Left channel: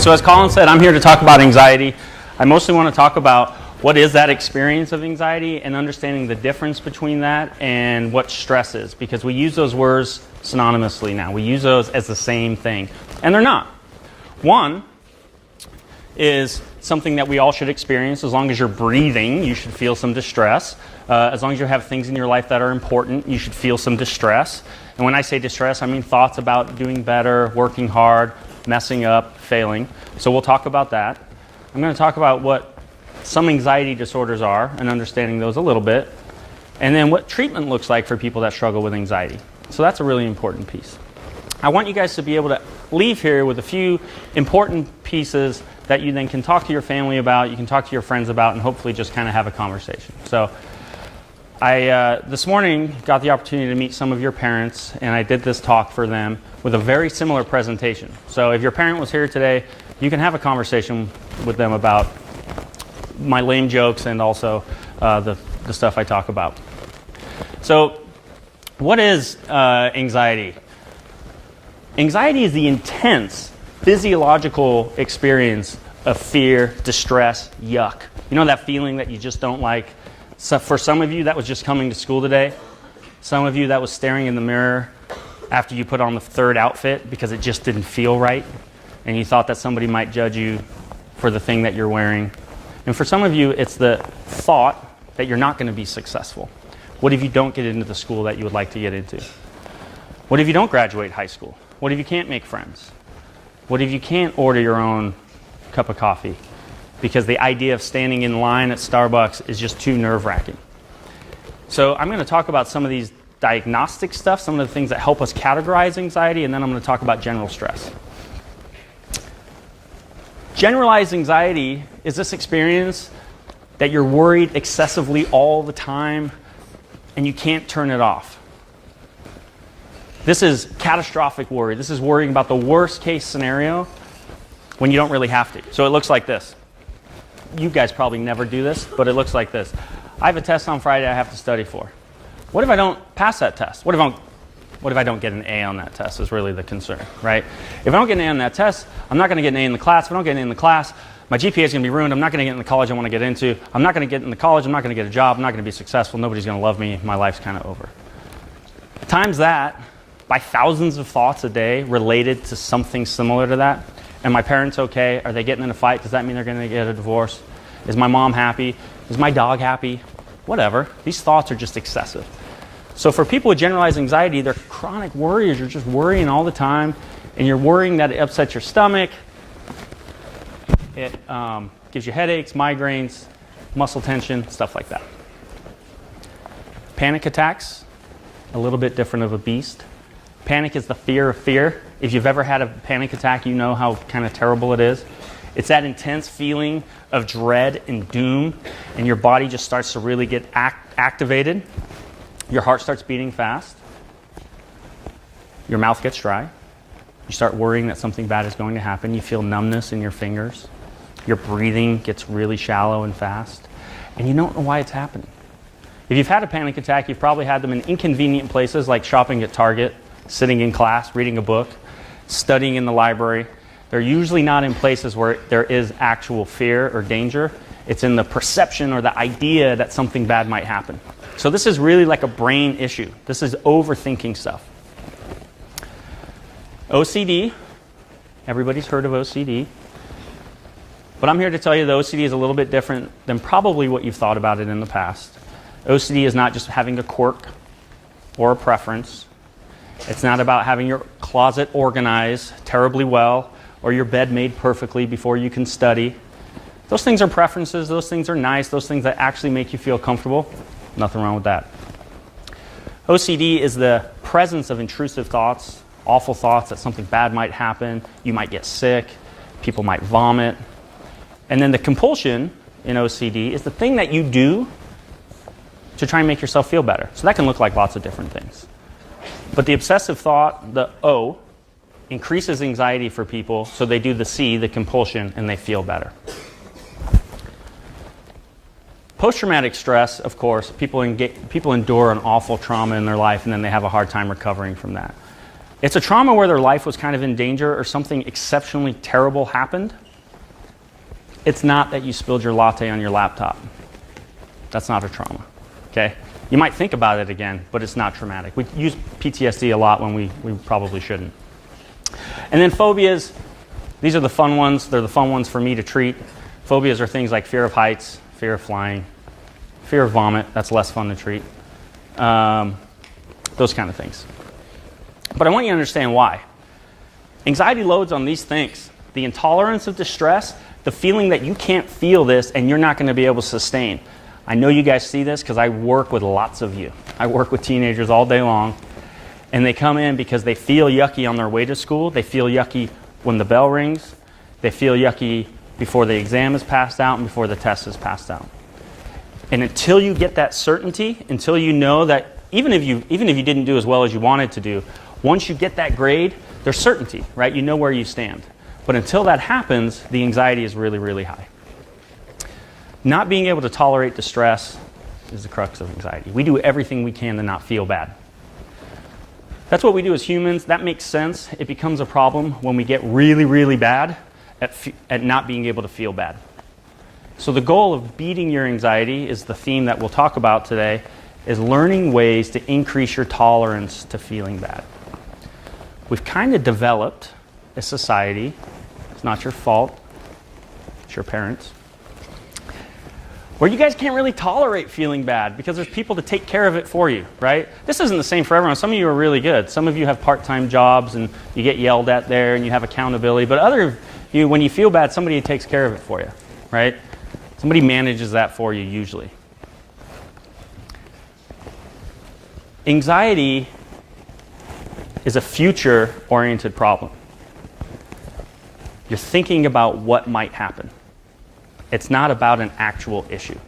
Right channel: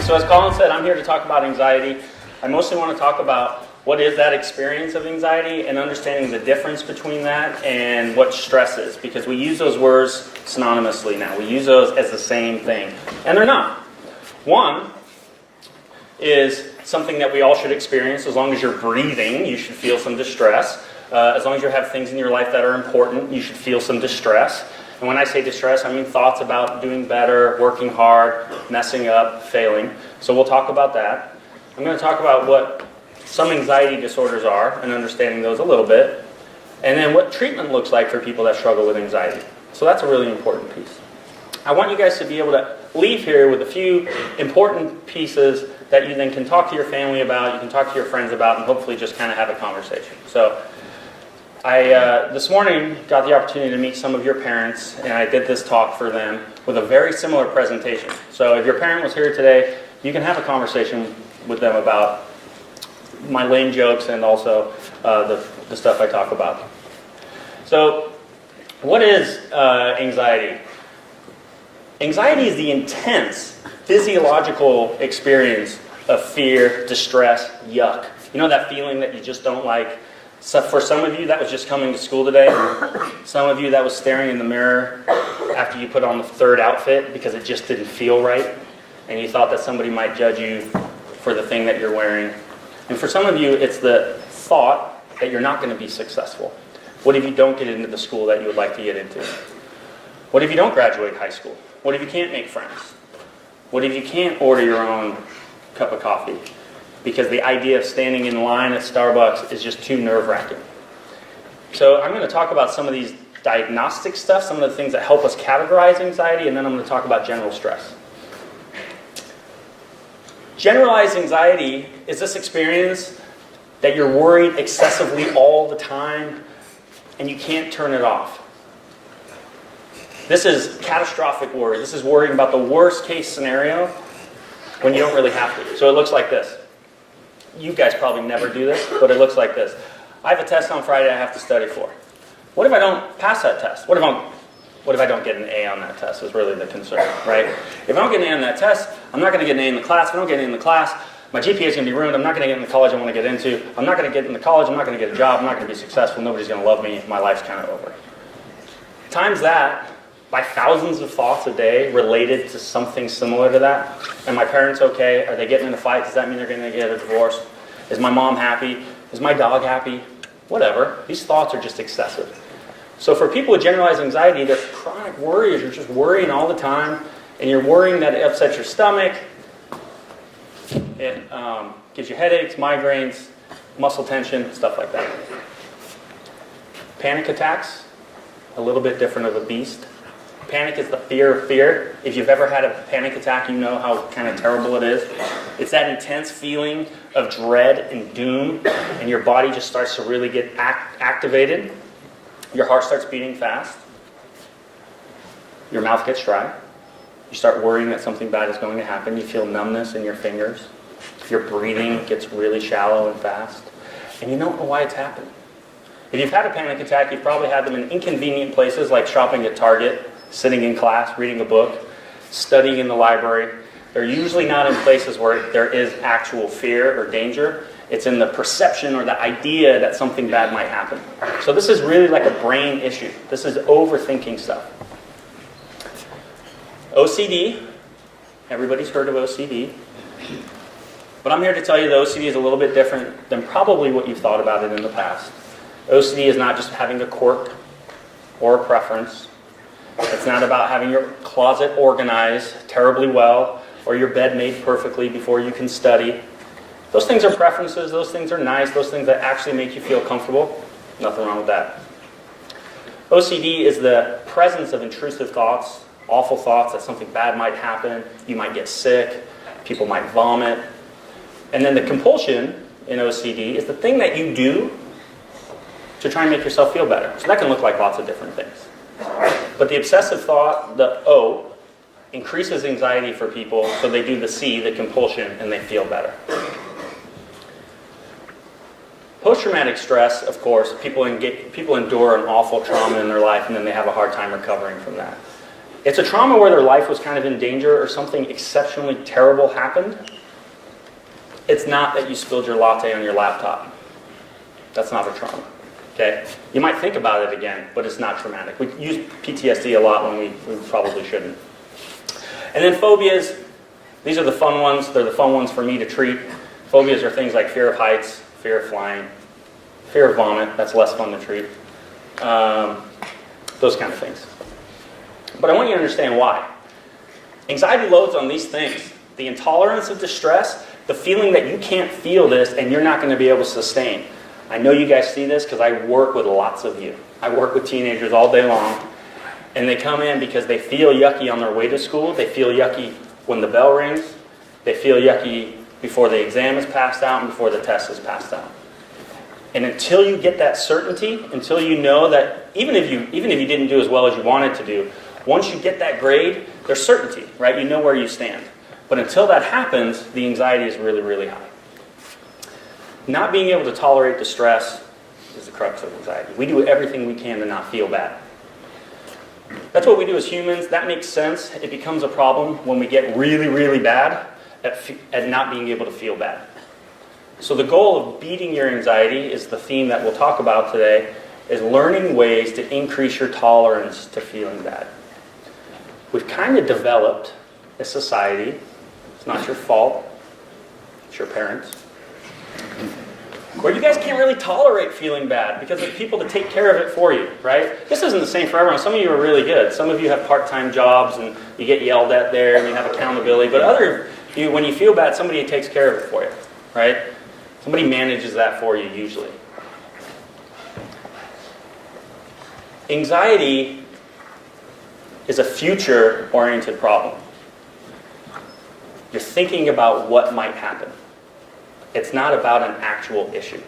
So as Colin said, I'm here to talk about anxiety. I mostly want to talk about what is that experience of anxiety and understanding the difference between that and what stress is, because we use those words synonymously now. We use those as the same thing, and they're not. One is something that we all should experience. As long as you're breathing, you should feel some distress. As long as you have things in your life that are important, you should feel some distress. And when I say distress, I mean thoughts about doing better, working hard, messing up, failing. So we'll talk about that. I'm going to talk about what some anxiety disorders are and understanding those a little bit. And then what treatment looks like for people that struggle with anxiety. So that's a really important piece. I want you guys to be able to leave here with a few important pieces that you then can talk to your family about, you can talk to your friends about, and hopefully just kind of have a conversation. So I, this morning, got the opportunity to meet some of your parents, and I did this talk for them with a very similar presentation. So if your parent was here today, you can have a conversation with them about my lame jokes and also the stuff I talk about. So what is anxiety? Anxiety is the intense physiological experience of fear, distress, yuck. You know that feeling that you just don't like? So for some of you, that was just coming to school today. Some of you, that was staring in the mirror after you put on the third outfit because it just didn't feel right. And you thought that somebody might judge you for the thing that you're wearing. And for some of you, it's the thought that you're not going to be successful. What if you don't get into the school that you would like to get into? What if you don't graduate high school? What if you can't make friends? What if you can't order your own cup of coffee? Because the idea of standing in line at Starbucks is just too nerve-wracking. So I'm going to talk about some of these diagnostic stuff, some of the things that help us categorize anxiety, and then I'm going to talk about general stress. Generalized anxiety is this experience that you're worried excessively all the time and you can't turn it off. This is catastrophic worry. This is worrying about the worst case scenario when you don't really have to. So it looks like this. You guys probably never do this, but it looks like this. I have a test on Friday I have to study for. What if I don't pass that test? What if I don't get an A on that test is really the concern, right? If I don't get an A on that test, I'm not going to get an A in the class. If I don't get an A in the class, my GPA is going to be ruined. I'm not going to get in the college I want to get into. I'm not going to get in the college. I'm not going to get a job. I'm not going to be successful. Nobody's going to love me. My life's kind of over. Times that by thousands of thoughts a day related to something similar to that. Am my parents okay? Are they getting in a fight? Does that mean they're going to get a divorce? Is my mom happy? Is my dog happy? Whatever. These thoughts are just excessive. So for people with generalized anxiety, they're chronic worries. You're just worrying all the time, and you're worrying that it upsets your stomach. It gives you headaches, migraines, muscle tension, stuff like that. Panic attacks, a little bit different of a beast. Panic is the fear of fear. If you've ever had a panic attack, you know how kind of terrible it is. It's that intense feeling of dread and doom, and your body just starts to really get activated. Your heart starts beating fast. Your mouth gets dry. You start worrying that something bad is going to happen. You feel numbness in your fingers. Your breathing gets really shallow and fast. And you don't know why it's happening. If you've had a panic attack, you've probably had them in inconvenient places like shopping at Target, sitting in class, reading a book, studying in the library. They're usually not in places where there is actual fear or danger. It's in the perception or the idea that something bad might happen. So this is really like a brain issue. This is overthinking stuff. OCD. Everybody's heard of OCD. But I'm here to tell you that OCD is a little bit different than probably what you thought about it in the past. OCD is not just having a quirk or a preference. It's not about having your closet organized terribly well or your bed made perfectly before you can study. Those things are preferences. Those things are nice. Those things that actually make you feel comfortable. Nothing wrong with that. OCD is the presence of intrusive thoughts, awful thoughts that something bad might happen. You might get sick. People might vomit. And then the compulsion in OCD is the thing that you do to try and make yourself feel better. So that can look like lots of different things. But the obsessive thought, the O, increases anxiety for people, so they do the C, the compulsion, and they feel better. Post-traumatic stress, of course, people endure an awful trauma in their life, and then they have a hard time recovering from that. It's a trauma where their life was kind of in danger or something exceptionally terrible happened. It's not that you spilled your latte on your laptop. That's not a trauma. Okay? You might think about it again, but it's not traumatic. We use PTSD a lot when we probably shouldn't. And then phobias, these are the fun ones. They're the fun ones for me to treat. Phobias are things like fear of heights, fear of flying, fear of vomit. That's less fun to treat. Those kind of things. But I want you to understand why. Anxiety loads on these things. The intolerance of distress, the feeling that you can't feel this and you're not going to be able to sustain. I know you guys see this because I work with lots of you. I work with teenagers all day long. And they come in because they feel yucky on their way to school. They feel yucky when the bell rings. They feel yucky before the exam is passed out and before the test is passed out. And until you get that certainty, until you know that even if you didn't do as well as you wanted to do, once you get that grade, there's certainty, right? You know where you stand. But until that happens, the anxiety is really, really high. Not being able to tolerate the stress is the crux of anxiety. We do everything we can to not feel bad. That's what we do as humans. That makes sense. It becomes a problem when we get really, really bad at not being able to feel bad. So the goal of beating your anxiety is the theme that we'll talk about today, is learning ways to increase your tolerance to feeling bad. We've kind of developed a society, it's not your fault, it's your parents, where you guys can't really tolerate feeling bad because there's people to take care of it for you, right? This isn't the same for everyone. Some of you are really good. Some of you have part-time jobs and you get yelled at there and you have accountability. But other you, when you feel bad, somebody takes care of it for you, right? Somebody manages that for you usually. Anxiety is a future-oriented problem. You're thinking about what might happen. It's not about an actual issue.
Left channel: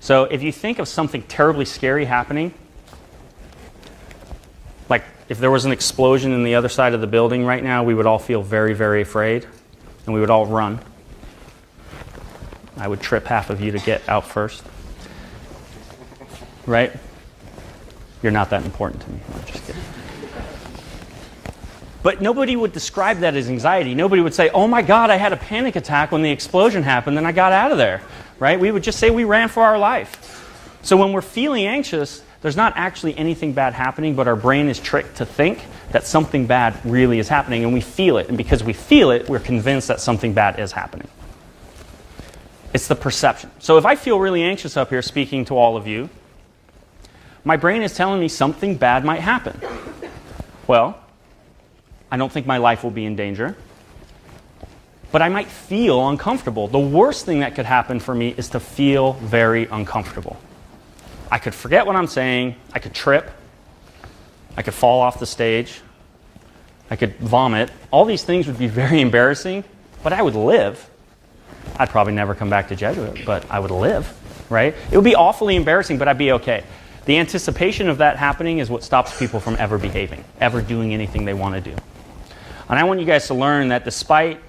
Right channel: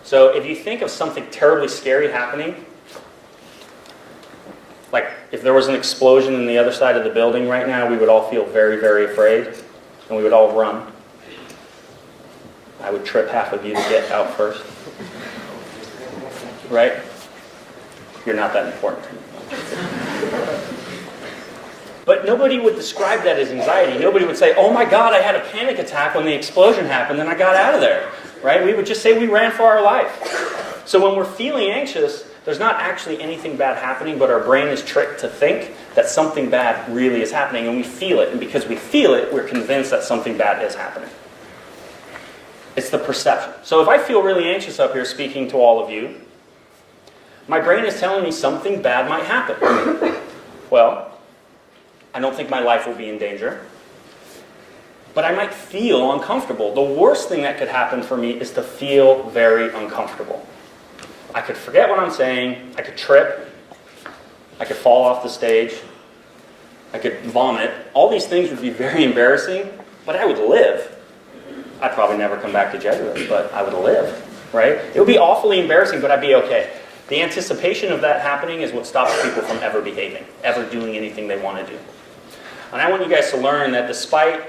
So if you think of something terribly scary happening, like if there was an explosion in the other side of the building right now, we would all feel very, very afraid, and we would all run. I would trip half of you to get out first. Right? You're not that important to me. But nobody would describe that as anxiety. Nobody would say, oh my God, I had a panic attack when the explosion happened and I got out of there. Right? We would just say we ran for our life. So when we're feeling anxious, there's not actually anything bad happening, but our brain is tricked to think that something bad really is happening, and we feel it. And because we feel it, we're convinced that something bad is happening. It's the perception. So if I feel really anxious up here speaking to all of you, my brain is telling me something bad might happen. Well, I don't think my life will be in danger, but I might feel uncomfortable. The worst thing that could happen for me is to feel very uncomfortable. I could forget what I'm saying, I could trip, I could fall off the stage, I could vomit. All these things would be very embarrassing, but I would live. I'd probably never come back to Jesuit, but I would live, right? It would be awfully embarrassing, but I'd be okay. The anticipation of that happening is what stops people from ever behaving, ever doing anything they want to do. And I want you guys to learn that despite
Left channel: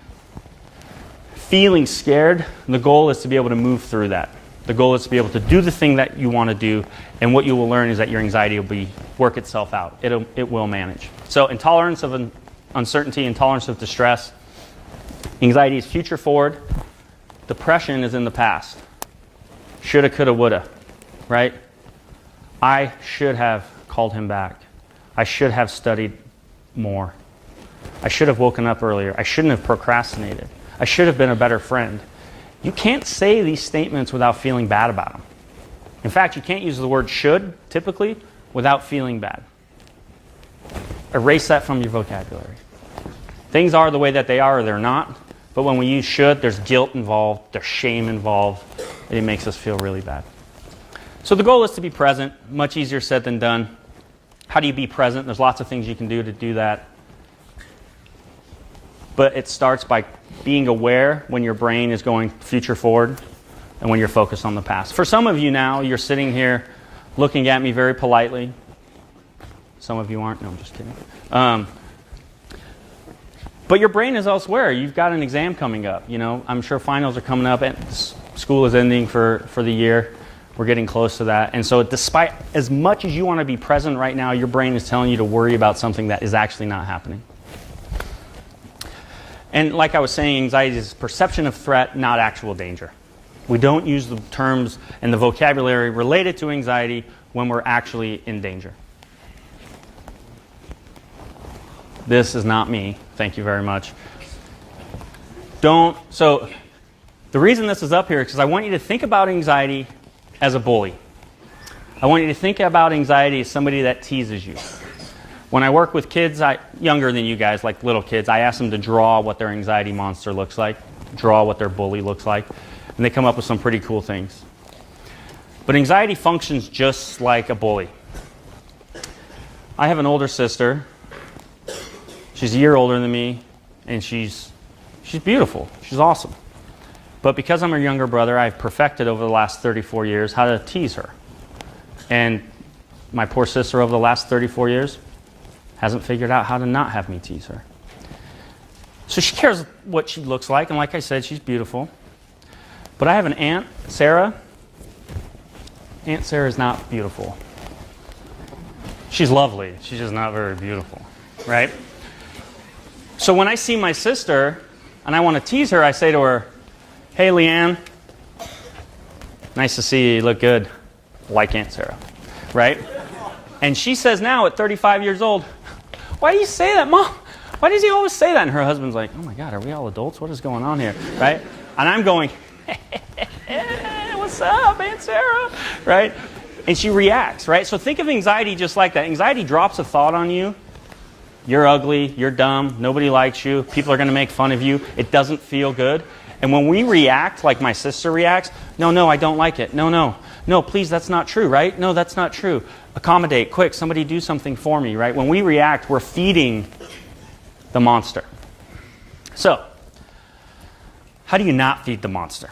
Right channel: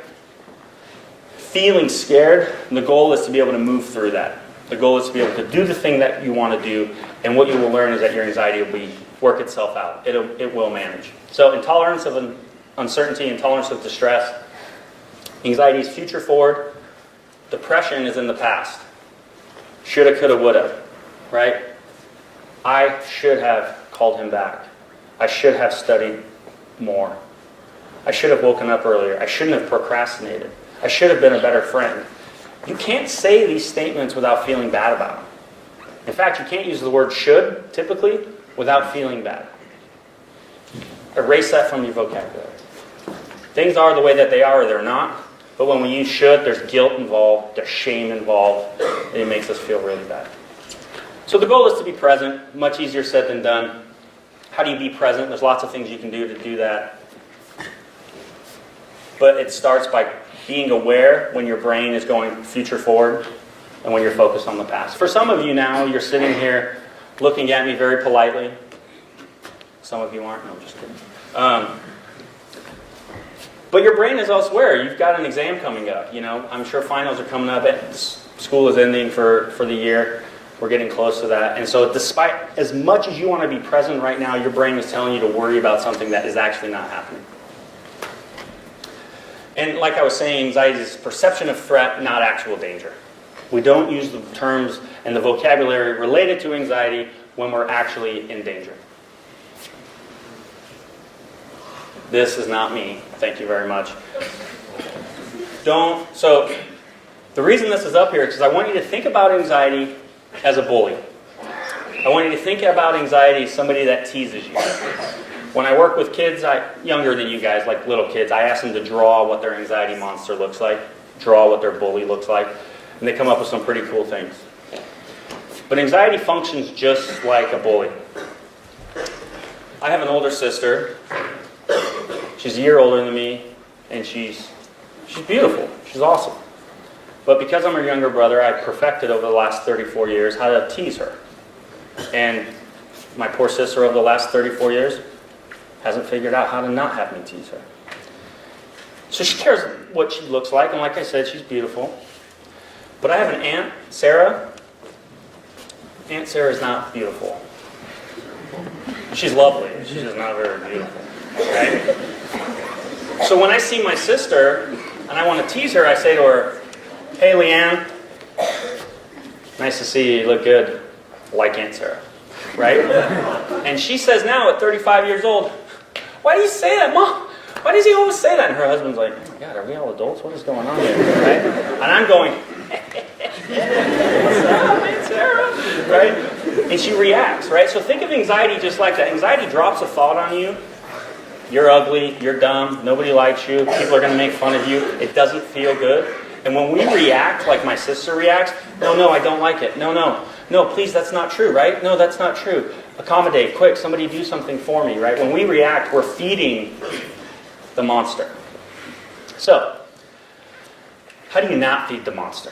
feeling scared, the goal is to be able to move through that. The goal is to be able to do the thing that you want to do, and what you will learn is that your anxiety will work itself out. It will manage. So intolerance of uncertainty, intolerance of distress. Anxiety is future forward. Depression is in the past. Shoulda, coulda, woulda. Right? I should have called him back. I should have studied more. I should have woken up earlier. I shouldn't have procrastinated. I should have been a better friend. You can't say these statements without feeling bad about them. In fact, you can't use the word should, typically, without feeling bad. Erase that from your vocabulary. Things are the way that they are or they're not, but when we use should, there's guilt involved, there's shame involved, and it makes us feel really bad. So the goal is to be present. Much easier said than done. How do you be present? There's lots of things you can do to do that. But it starts by being aware when your brain is going future forward and when you're focused on the past. For some of you now, you're sitting here looking at me very politely. Some of you aren't. No, I'm just kidding. But your brain is elsewhere. You've got an exam coming up. You know, I'm sure finals are coming up. School is ending for the year. We're getting close to that. And so despite as much as you want to be present right now, your brain is telling you to worry about something that is actually not happening. And like I was saying, anxiety is perception of threat, not actual danger. We don't use the terms and the vocabulary related to anxiety when we're actually in danger. This is not me. Thank you very much. So the reason this is up here is because I want you to think about anxiety as a bully. I want you to think about anxiety as somebody that teases you. When I work with kids younger than you guys, like little kids, I ask them to draw what their anxiety monster looks like, draw what their bully looks like, and they come up with some pretty cool things. But anxiety functions just like a bully. I have an older sister. She's a year older than me, and she's beautiful. She's awesome. But because I'm her younger brother, I have perfected over the last 34 years how to tease her. And my poor sister over the last 34 years hasn't figured out how to not have me tease her. So she cares what she looks like, and like I said, she's beautiful. But I have an aunt, Sarah. Aunt Sarah's not beautiful. She's lovely. She's just not very beautiful, right? So when I see my sister and I want to tease her, I say to her, "Hey, Leanne, nice to see you. You look good." Like Aunt Sarah, right? And she says now at 35 years old, "Why do you say that, Mom? Why does he always say that?" And her husband's like, "Oh my God, are we all adults? What is going on here?" Right? And I'm going, "What's up, Aunt Sarah?" Right? And she reacts, right? So think of anxiety just like that. Anxiety drops a thought on you. You're ugly, you're dumb, nobody likes you, people are going to make fun of you. It doesn't feel good. And when we react like my sister reacts, no, I don't like it. No, please, that's not true, right? No, that's not true. Accommodate, quick, somebody do something for me, right? When we react, we're feeding the monster. So, how do you not feed the monster?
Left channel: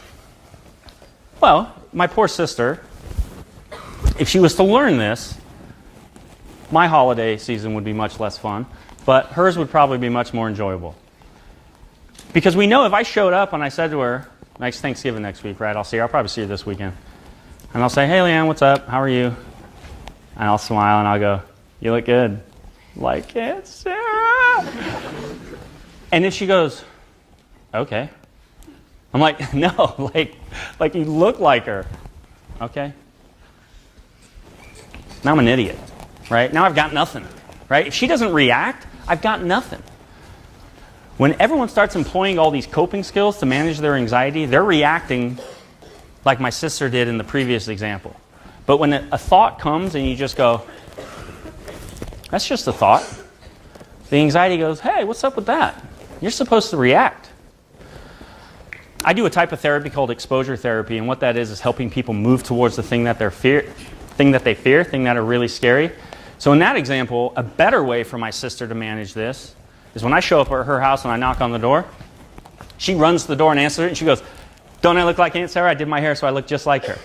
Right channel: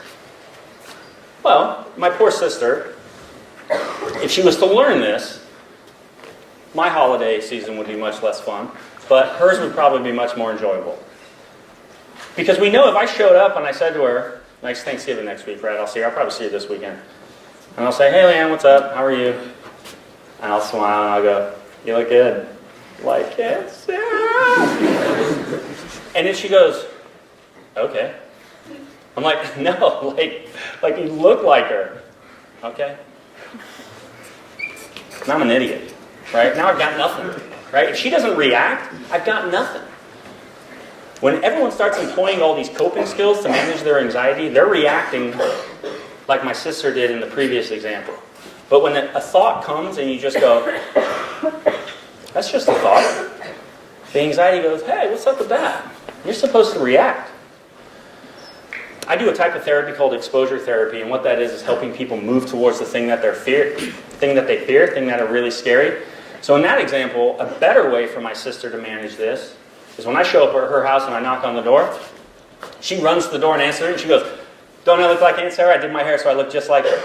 Well, my poor sister, if she was to learn this, my holiday season would be much less fun, but hers would probably be much more enjoyable. Because we know if I showed up and I said to her, "Nice Thanksgiving next week, right? I'll probably see you this weekend." And I'll say, "Hey, Leanne, what's up? How are you?" And I'll smile and I'll go, "You look good." Like, "Yes, Sarah." And if she goes, "Okay." I'm like, "No, like you look like her." "Okay." Now I'm an idiot, right? Now I've got nothing, right? If she doesn't react, I've got nothing. When everyone starts employing all these coping skills to manage their anxiety, they're reacting like my sister did in the previous example. But when a thought comes and you just go, "That's just a thought," the anxiety goes, "Hey, what's up with that? You're supposed to react." I do a type of therapy called exposure therapy, and what that is helping people move towards the thing that they fear, thing that are really scary. So in that example, a better way for my sister to manage this is when I show up at her house and I knock on the door, she runs to the door and answers it, and she goes, "Don't I look like Aunt Sarah? I did my hair so I look just like her."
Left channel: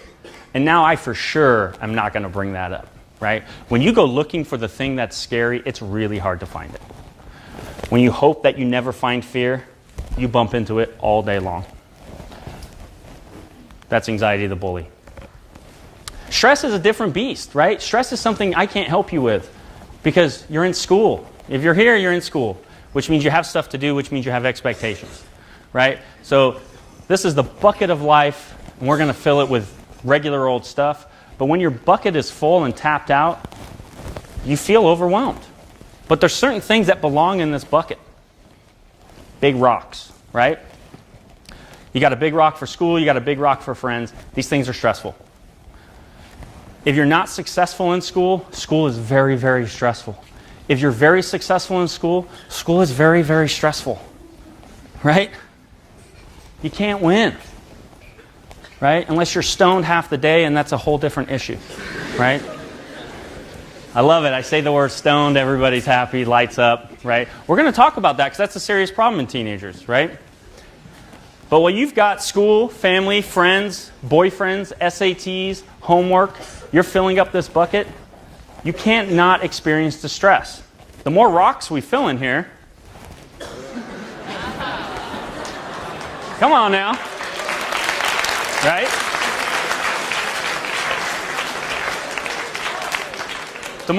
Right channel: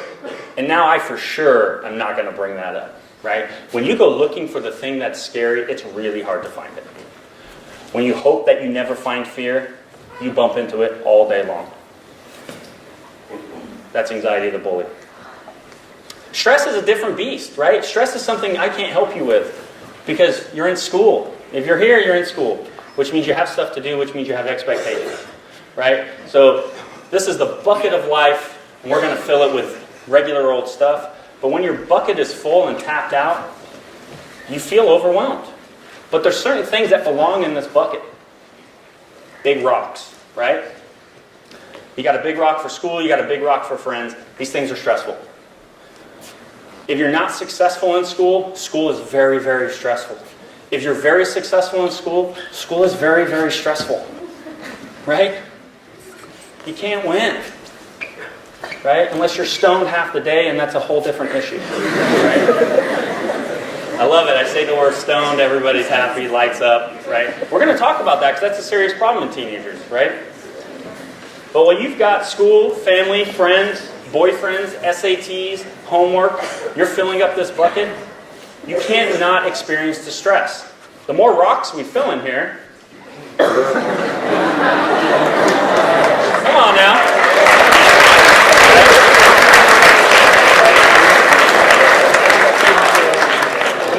And now I for sure am not going to bring that up, right? When you go looking for the thing that's scary, it's really hard to find it. When you hope that you never find fear, you bump into it all day long. That's anxiety the bully. Stress is a different beast, right? Stress is something I can't help you with because you're in school. If you're here, you're in school, which means you have stuff to do, which means you have expectations, right? So this is the bucket of life, and we're going to fill it with regular old stuff. But when your bucket is full and tapped out, you feel overwhelmed. But there's certain things that belong in this bucket. Big rocks, right? You got a big rock for school, you got a big rock for friends. These things are stressful. If you're not successful in school, school is very, very stressful. If you're very successful in school, school is very, very stressful. Right? You can't win. Right? Unless you're stoned half the day, and that's a whole different issue. Right? I love it. I say the word stoned, everybody's happy, lights up. Right? We're going to talk about that because that's a serious problem in teenagers. Right? But when you've got school, family, friends, boyfriends, SATs, homework, you're filling up this bucket, you can't not experience the stress. The more rocks we fill in here, come on now.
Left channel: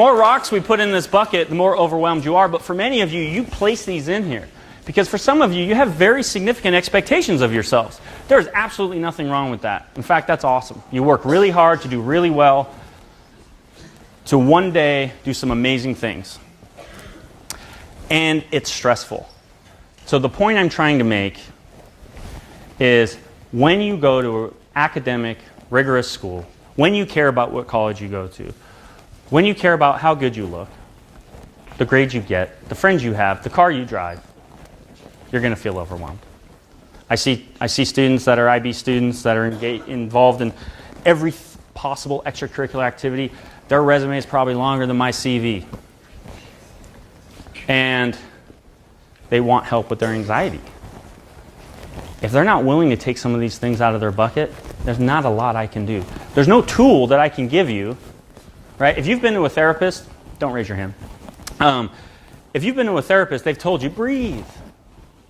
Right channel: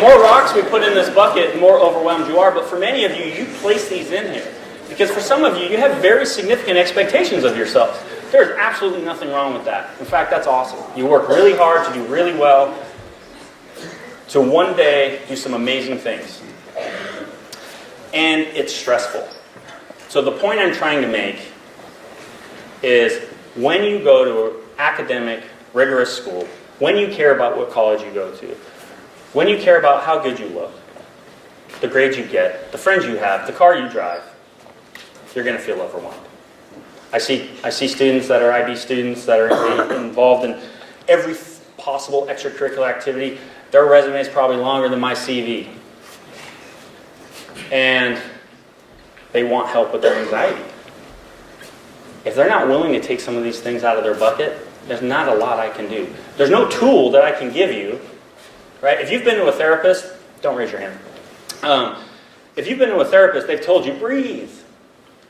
more rocks we put in this bucket, the more overwhelmed you are. But for many of you, you place these in here. Because for some of you, you have very significant expectations of yourselves. There is absolutely nothing wrong with that. In fact, that's awesome. You work really hard to do really well, to one day do some amazing things. And it's stressful. So the point I'm trying to make is when you go to academic, rigorous school, when you care about what college you go to, when you care about how good you look, the grades you get, the friends you have, the car you drive, you're going to feel overwhelmed. I see students that are IB students that are involved in every possible extracurricular activity. Their resume is probably longer than my CV. And they want help with their anxiety. If they're not willing to take some of these things out of their bucket, there's not a lot I can do. There's no tool that I can give you, right? If you've been to a therapist, don't raise your hand. If you've been to a therapist, they've told you, breathe,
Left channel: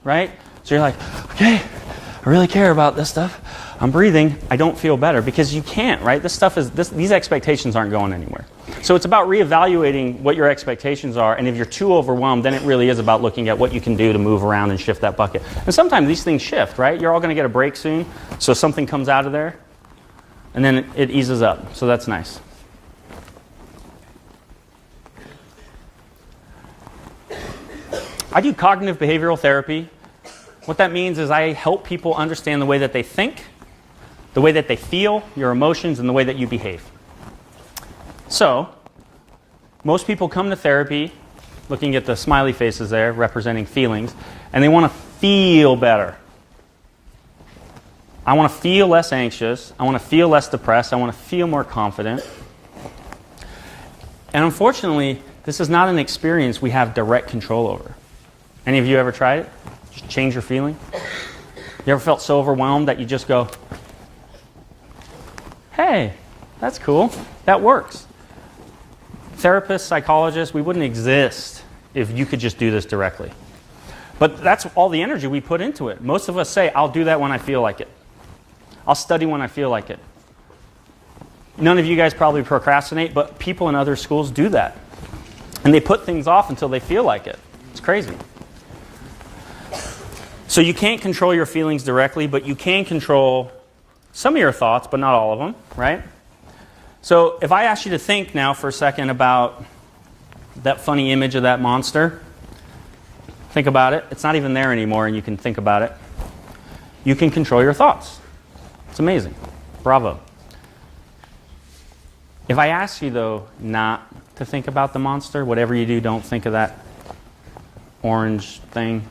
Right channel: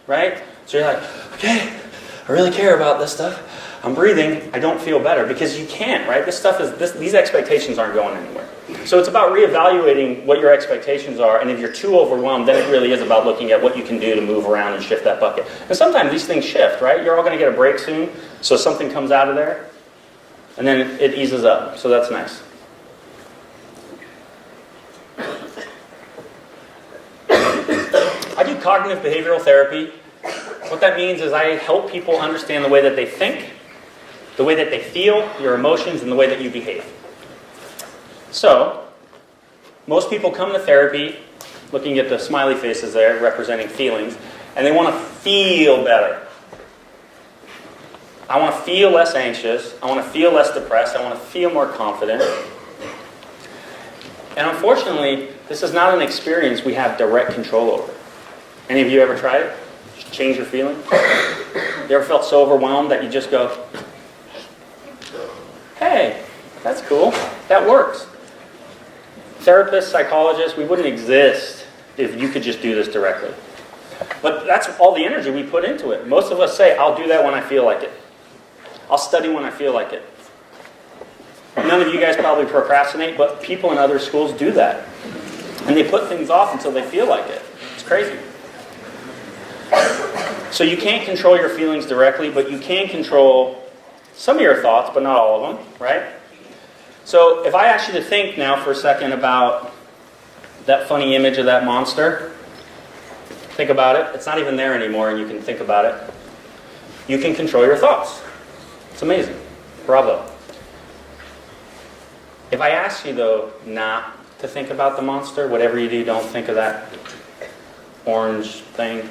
right? So you're like, okay, I really care about this stuff. I'm breathing. I don't feel better because you can't, right? These expectations aren't going anywhere. So it's about reevaluating what your expectations are, and if you're too overwhelmed, then it really is about looking at what you can do to move around and shift that bucket. And sometimes these things shift, right? You're all going to get a break soon, so something comes out of there, and then it eases up. So that's nice. I do cognitive behavioral therapy. What that means is I help people understand the way that they think, the way that they feel, your emotions, and the way that you behave. So, most people come to therapy looking at the smiley faces there representing feelings, and they want to feel better. I want to feel less anxious. I want to feel less depressed. I want to feel more confident. And unfortunately, this is not an experience we have direct control over. Any of you ever tried it? Just change your feeling? You ever felt so overwhelmed that you just go, hey, that's cool. That works. Therapists, psychologists, we wouldn't exist if you could just do this directly. But that's all the energy we put into it. Most of us say, I'll do that when I feel like it. I'll study when I feel like it. None of you guys probably procrastinate, but people in other schools do that. And they put things off until they feel like it. It's crazy. So you can't control your feelings directly, but you can control some of your thoughts, but not all of them, right? So if I ask you to think now for a second about that funny image of that monster, think about it. It's not even there anymore, and you can think about it. You can control your thoughts. It's amazing. Bravo. If I ask you, though, not to think about the monster, whatever you do, don't think of that orange thing.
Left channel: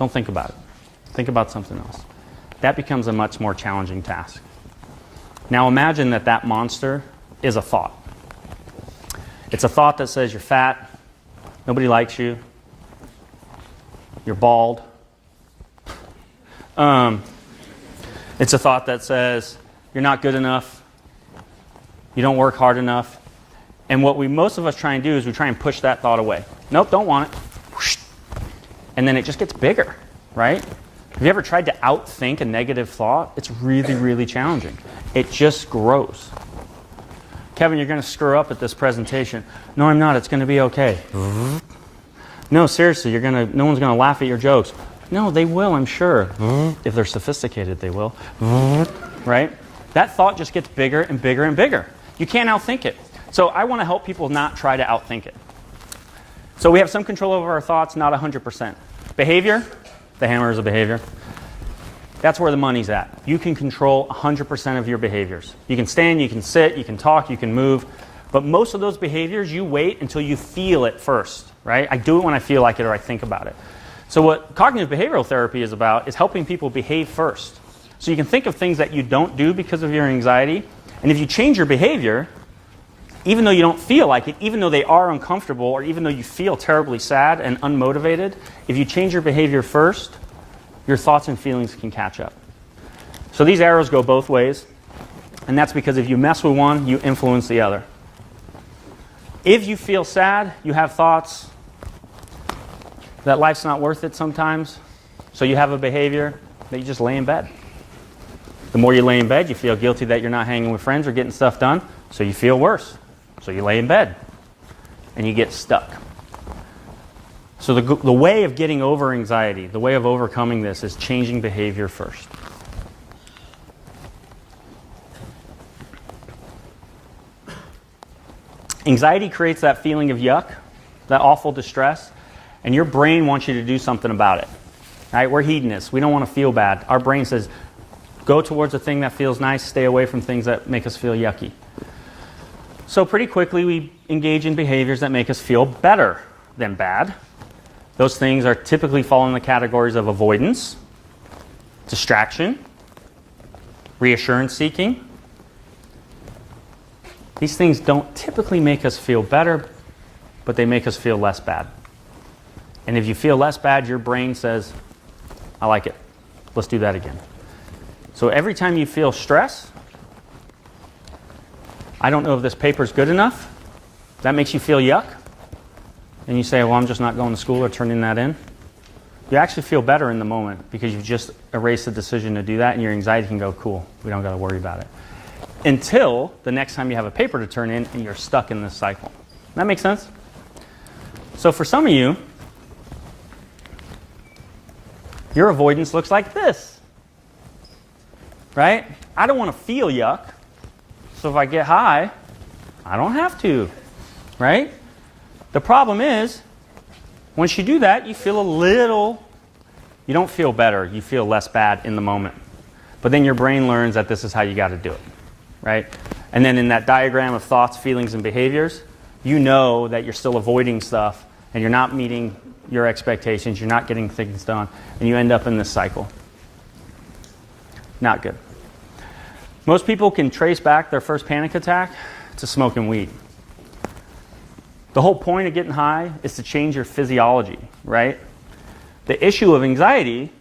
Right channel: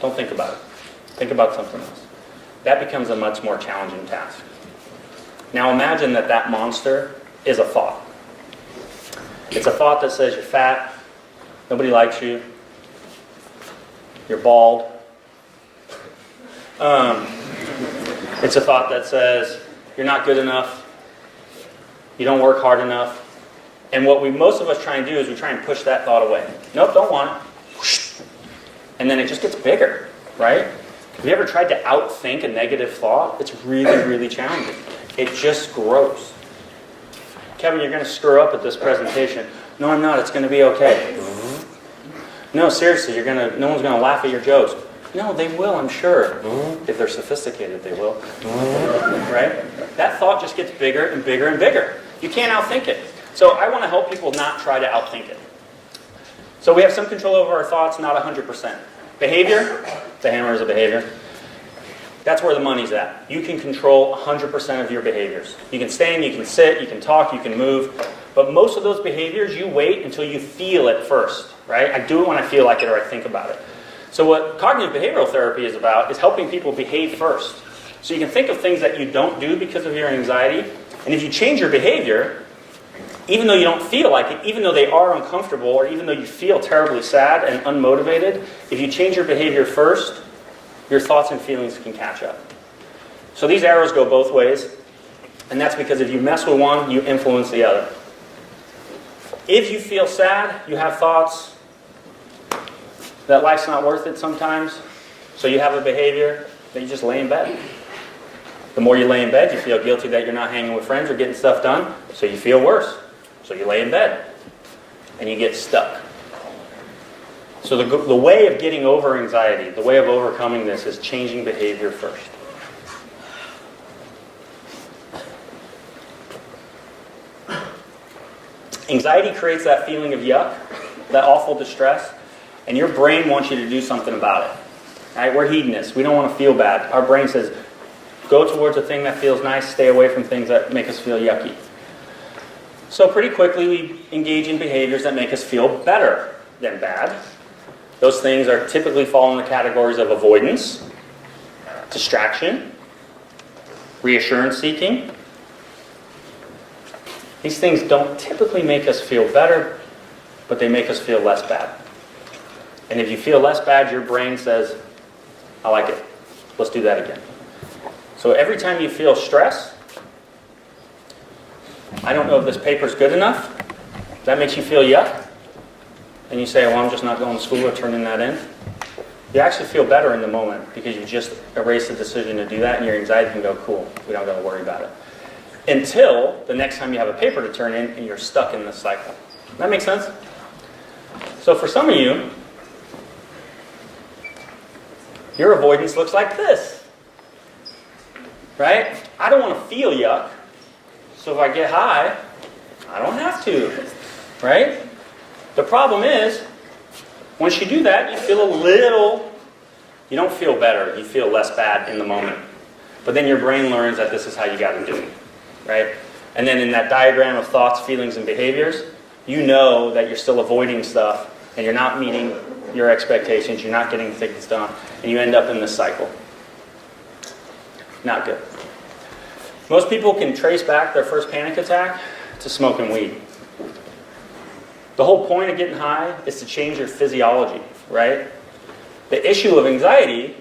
Don't think about it. Think about something else. That becomes a much more challenging task. Now imagine that that monster is a thought. It's a thought that says you're fat, nobody likes you, you're bald. It's a thought that says you're not good enough, you don't work hard enough. And what most of us try and do is we try and push that thought away. Nope, don't want it. And then it just gets bigger, right? Have you ever tried to outthink a negative thought? It's really, really challenging. It just grows. Kevin, you're going to screw up at this presentation. No, I'm not. It's going to be okay. No, seriously, no one's going to laugh at your jokes. No, they will, I'm sure. If they're sophisticated, they will. Right? That thought just gets bigger and bigger and bigger. You can't outthink it. So I want to help people not try to outthink it. So we have some control over our thoughts, not 100%. Behavior, the hammer is a behavior. That's where the money's at. You can control 100% of your behaviors. You can stand, you can sit, you can talk, you can move. But most of those behaviors, you wait until you feel it first, right? I do it when I feel like it or I think about it. So what cognitive behavioral therapy is about is helping people behave first. So you can think of things that you don't do because of your anxiety. And if you change your behavior, even though you don't feel like it, even though they are uncomfortable, or even though you feel terribly sad and unmotivated, if you change your behavior first, your thoughts and feelings can catch up. So these arrows go both ways, and that's because if you mess with one, you influence the other. If you feel sad, you have thoughts that life's not worth it sometimes, so you have a behavior that you just lay in bed. The more you lay in bed, you feel guilty that you're not hanging with friends or getting stuff done, so you feel worse. So you lay in bed. and you get stuck. So the way of getting over anxiety, the way of overcoming this is changing behavior first. Anxiety creates that feeling of yuck, that awful distress, and your brain wants you to do something about it. Right? We're hedonists. We don't want to feel bad. Our brain says, go towards a thing that feels nice, stay away from things that make us feel yucky. So pretty quickly we engage in behaviors that make us feel better than bad. Those things are typically fall in the categories of avoidance, distraction, reassurance seeking. These things don't typically make us feel better, but they make us feel less bad. And if you feel less bad, your brain says, I like it. Let's do that again. So every time you feel stress, I don't know if this paper's good enough. That makes you feel yuck. And you say, well, I'm just not going to school or turning that in. You actually feel better in the moment because you just erase the decision to do that and your anxiety can go, cool, we don't got to worry about it. Until the next time you have a paper to turn in and you're stuck in this cycle. That makes sense? So for some of you, your avoidance looks like this. Right? I don't want to feel yuck. So if I get high, I don't have to. Right? The problem is, once you do that, you feel a little, you don't feel better, you feel less bad in the moment. But then your brain learns that this is how you got to do it, right? And then in that diagram of thoughts, feelings, and behaviors, you know that you're still avoiding stuff, and you're not meeting your expectations, you're not getting things done, and you end up in this cycle. Not good. Most people can trace back their first panic attack to smoking weed. The whole point of getting high is to change your physiology, right? The issue of anxiety,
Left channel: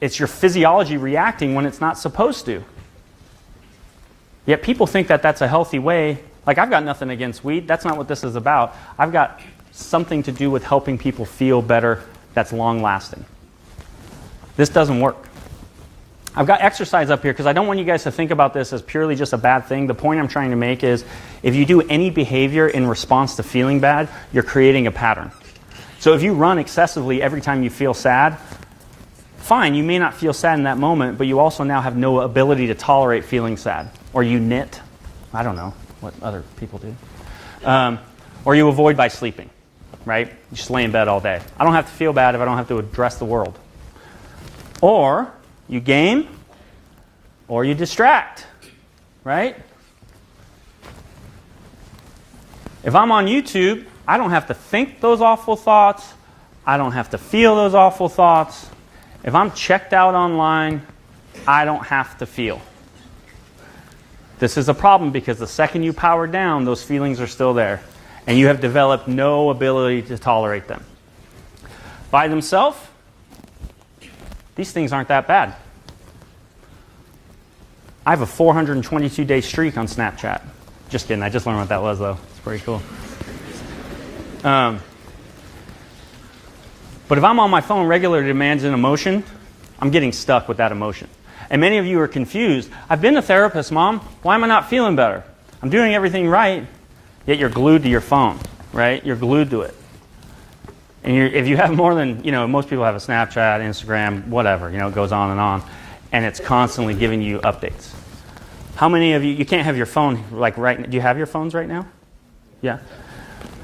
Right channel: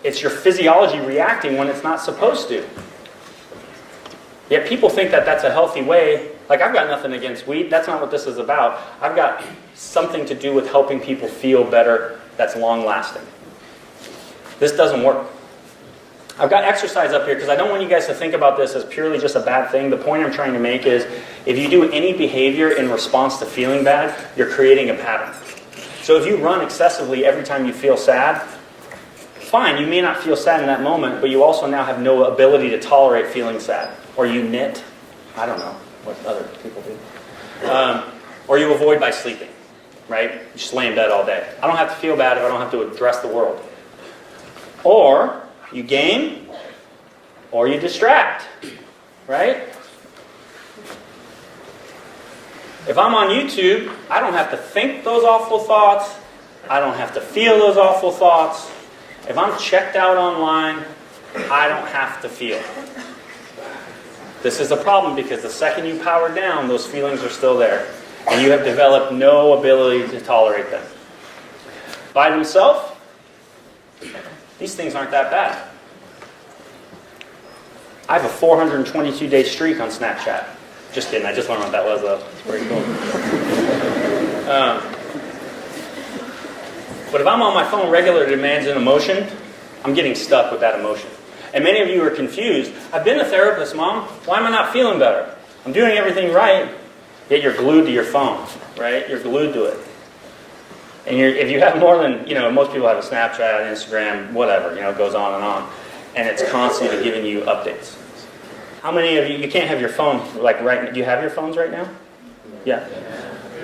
it's your physiology reacting when it's not supposed to. Yet people think that that's a healthy way. Like, I've got nothing against weed. That's not what this is about. I've got something to do with helping people feel better that's long-lasting. This doesn't work. I've got exercise up here because I don't want you guys to think about this as purely just a bad thing. The point I'm trying to make is if you do any behavior in response to feeling bad, you're creating a pattern. So if you run excessively every time you feel sad, fine, you may not feel sad in that moment, but you also now have no ability to tolerate feeling sad. Or you knit. I don't know what other people do. Or you avoid by sleeping, right? You just lay in bed all day. I don't have to feel bad if I don't have to address the world. Or you game, or you distract, right? If I'm on YouTube, I don't have to think those awful thoughts. I don't have to feel those awful thoughts. If I'm checked out online, I don't have to feel. This is a problem because the second you power down, those feelings are still there. And you have developed no ability to tolerate them. By themselves, these things aren't that bad. I have a 422-day streak on Snapchat. Just kidding, I just learned what that was though. It's pretty cool. But if I'm on my phone regularly managing an emotion, I'm getting stuck with that emotion. And many of you are confused. I've been a therapist, Mom. Why am I not feeling better? I'm doing everything right, yet you're glued to your phone, right? You're glued to it. And if you have more than, most people have a Snapchat, Instagram, whatever, it goes on and on. And it's constantly giving you updates. How many of you can't have your phone, do you have your phones right now? Yeah.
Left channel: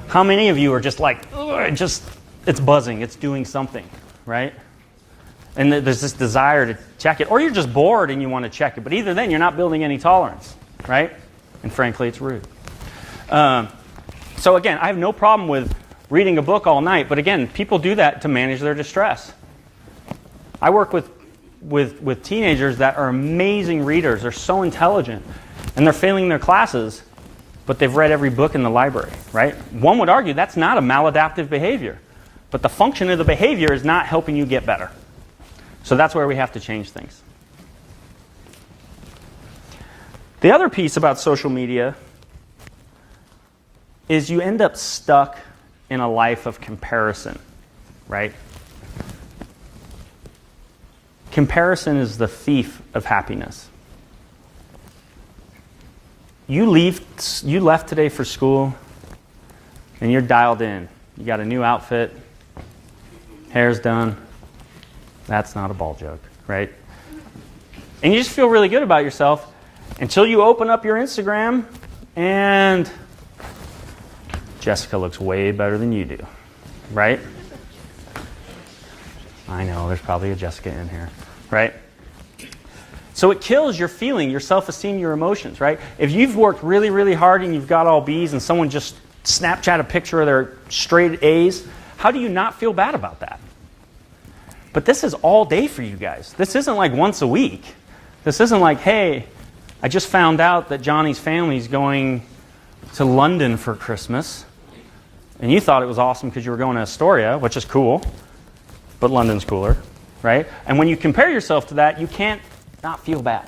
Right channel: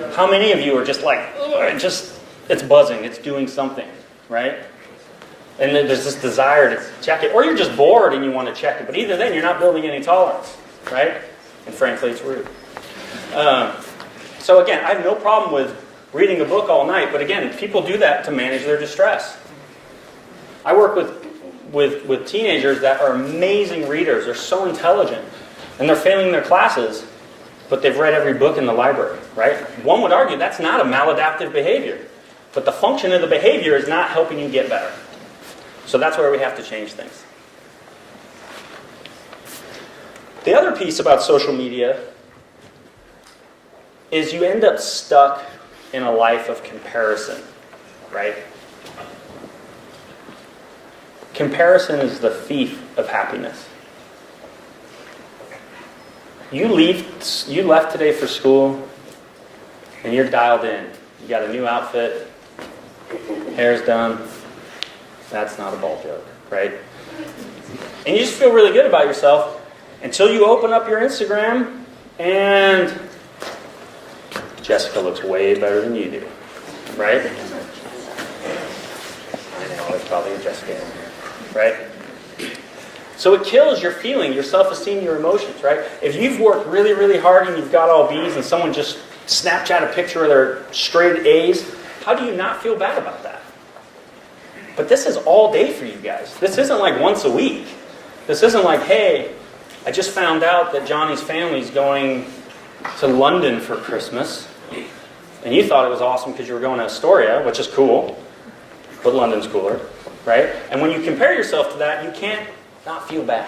How many of you are just like, it's buzzing, it's doing something, right? And there's this desire to check it. Or you're just bored and you want to check it. But either then, you're not building any tolerance, right? And frankly, it's rude. So again, I have no problem with reading a book all night. But again, people do that to manage their distress. I work with teenagers that are amazing readers. They're so intelligent. And they're failing their classes, but they've read every book in the library, right? One would argue that's not a maladaptive behavior. But the function of the behavior is not helping you get better. So that's where we have to change things. The other piece about social media is you end up stuck in a life of comparison, right? Comparison is the thief of happiness. You left today for school, and you're dialed in. You got a new outfit, hair's done. That's not a ball joke, right? And you just feel really good about yourself until you open up your Instagram and Jessica looks way better than you do, right? I know, there's probably a Jessica in here, right? So it kills your feeling, your self-esteem, your emotions, right? If you've worked really, really hard and you've got all B's and someone just Snapchat a picture of their straight A's, how do you not feel bad about that? But this is all day for you guys. This isn't like once a week. This isn't like, hey, I just found out that Johnny's family's going to London for Christmas. And you thought it was awesome because you were going to Astoria, which is cool. But London's cooler, right? And when you compare yourself to that, you can't not feel bad.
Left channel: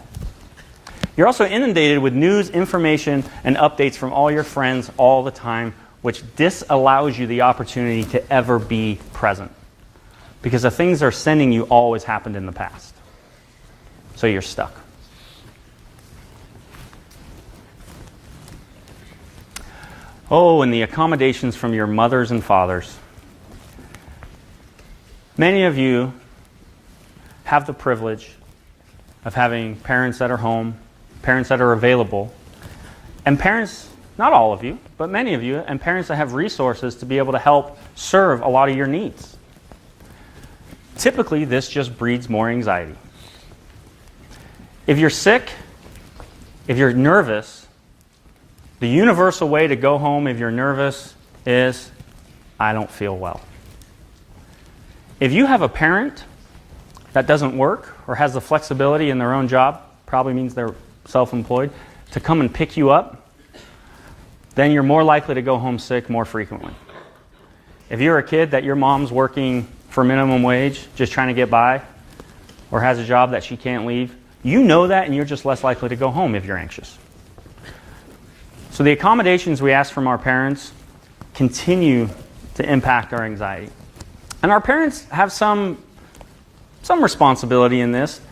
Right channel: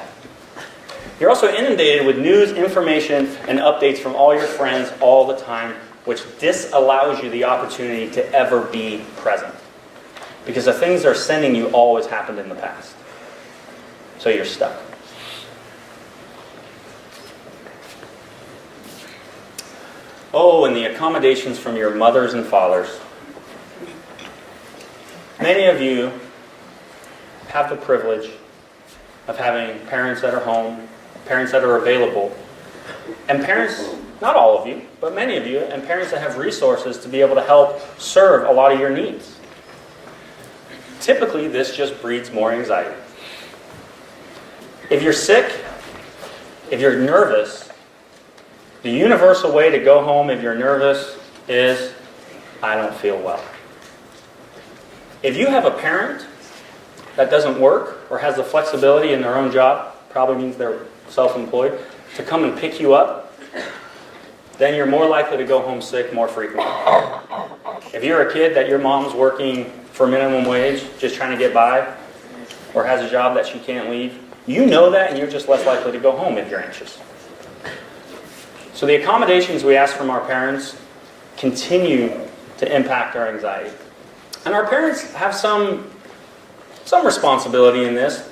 You're also inundated with news, information, and updates from all your friends all the time, which disallows you the opportunity to ever be present. Because the things they're sending you always happened in the past. So you're stuck. Oh, and the accommodations from your mothers and fathers. Many of you have the privilege of having parents that are home, parents that are available, and parents, not all of you, but many of you, and parents that have resources to be able to help serve a lot of your needs. Typically, this just breeds more anxiety. If you're sick, if you're nervous, the universal way to go home if you're nervous is, I don't feel well. If you have a parent that doesn't work or has the flexibility in their own job, probably means they're self-employed, to come and pick you up, then you're more likely to go home sick more frequently. If you're a kid that your mom's working for minimum wage, just trying to get by, or has a job that she can't leave, you know that and you're just less likely to go home if you're anxious. So the accommodations we ask from our parents continue to impact our anxiety. And our parents have some responsibility in this.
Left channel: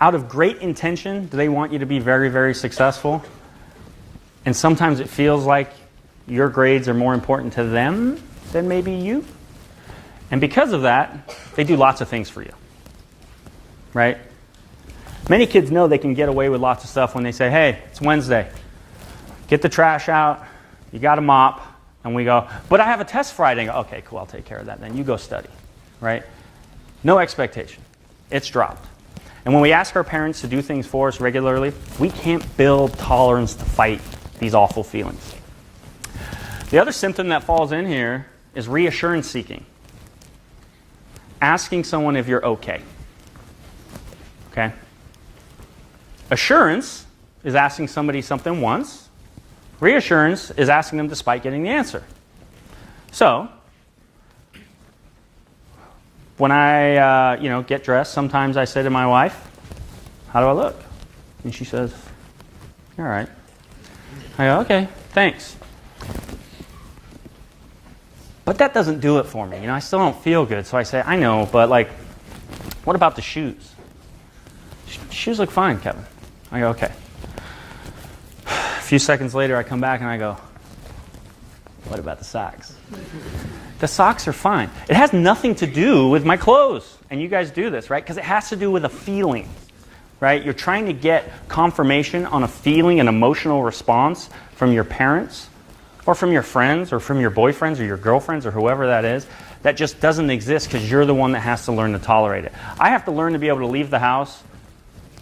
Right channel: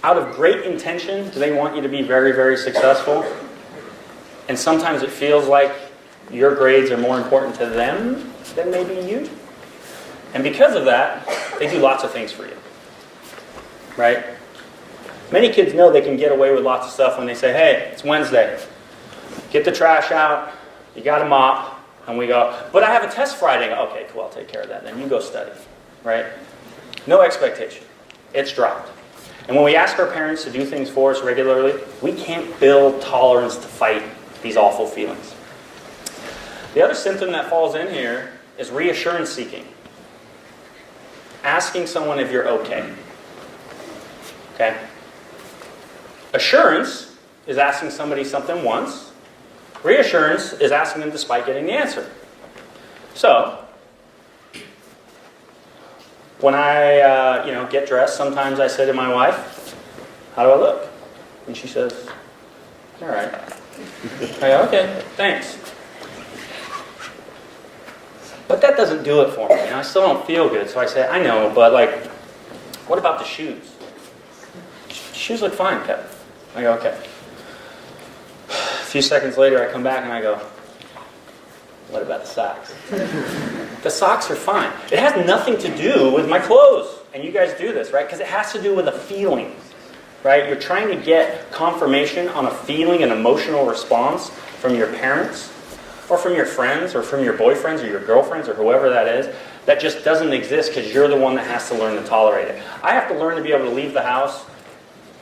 Out of great intention, they want you to be very, very successful. And sometimes it feels like your grades are more important to them than maybe you. And because of that, they do lots of things for you. Right? Many kids know they can get away with lots of stuff when they say, hey, it's Wednesday. Get the trash out. You got to mop. And we go, but I have a test Friday. Okay, cool, I'll take care of that. Then you go study. Right? No expectation. It's dropped. And when we ask our parents to do things for us regularly, we can't build tolerance to fight these awful feelings. The other symptom that falls in here is reassurance seeking. Asking someone if you're okay. Okay? Assurance is asking somebody something once. Reassurance is asking them despite getting the answer. So, when I get dressed, sometimes I say to my wife, how do I look? And she says, all right. I go, okay, thanks. But that doesn't do it for me. I still don't feel good. So I say, I know, but what about the shoes? Shoes look fine, Kevin. I go, okay. A few seconds later, I come back and I go, what about the socks? The socks are fine. It has nothing to do with my clothes. And you guys do this, right? Because it has to do with a feeling, right? You're trying to get confirmation on a feeling, an emotional response from your parents or from your friends or from your boyfriends or your girlfriends or whoever that is. That just doesn't exist because you're the one that has to learn to tolerate it. I have to learn to be able to leave the house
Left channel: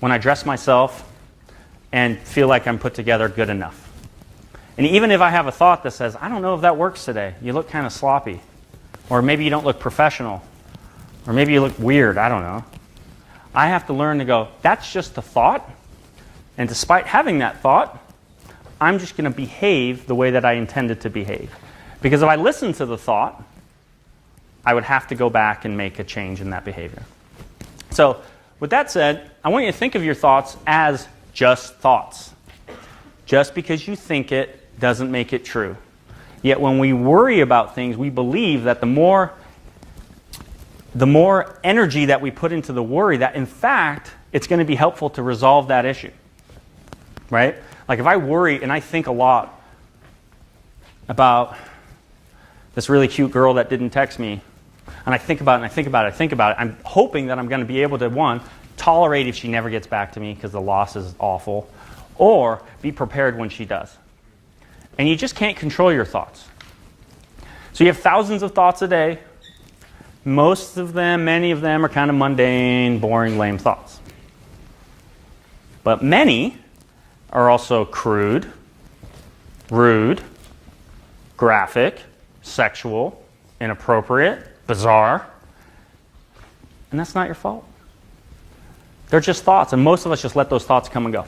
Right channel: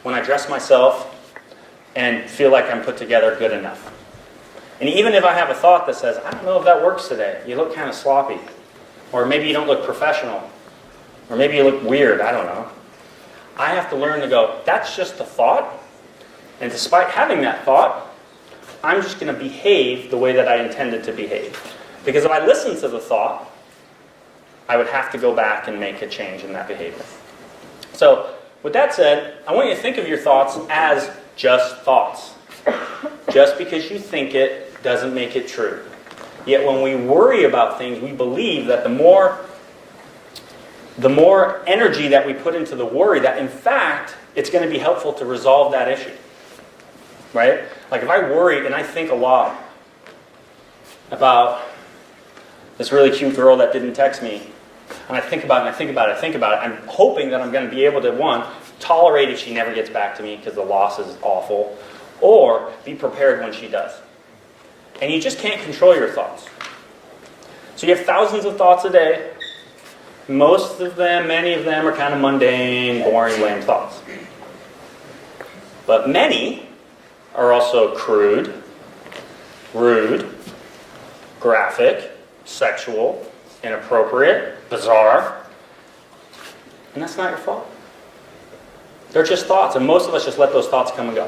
when I dress myself and feel like I'm put together good enough. And even if I have a thought that says, I don't know if that works today, you look kind of sloppy, or maybe you don't look professional, or maybe you look weird, I don't know. I have to learn to go, that's just a thought, and despite having that thought, I'm just going to behave the way that I intended to behave. Because if I listen to the thought, I would have to go back and make a change in that behavior. So, with that said, I want you to think of your thoughts as just thoughts. Just because you think it doesn't make it true. Yet when we worry about things, we believe that the more energy that we put into the worry, that in fact, it's going to be helpful to resolve that issue. Right? Like if I worry and I think a lot about this really cute girl that didn't text me. And I think about it, and I think about it, I think about it. I'm hoping that I'm going to be able to, one, tolerate if she never gets back to me because the loss is awful, or be prepared when she does. And you just can't control your thoughts. So you have thousands of thoughts a day. Most of them, many of them are kind of mundane, boring, lame thoughts. But many are also crude, rude, graphic, sexual, inappropriate, bizarre. And that's not your fault. They're just thoughts, and most of us just let those thoughts come and go.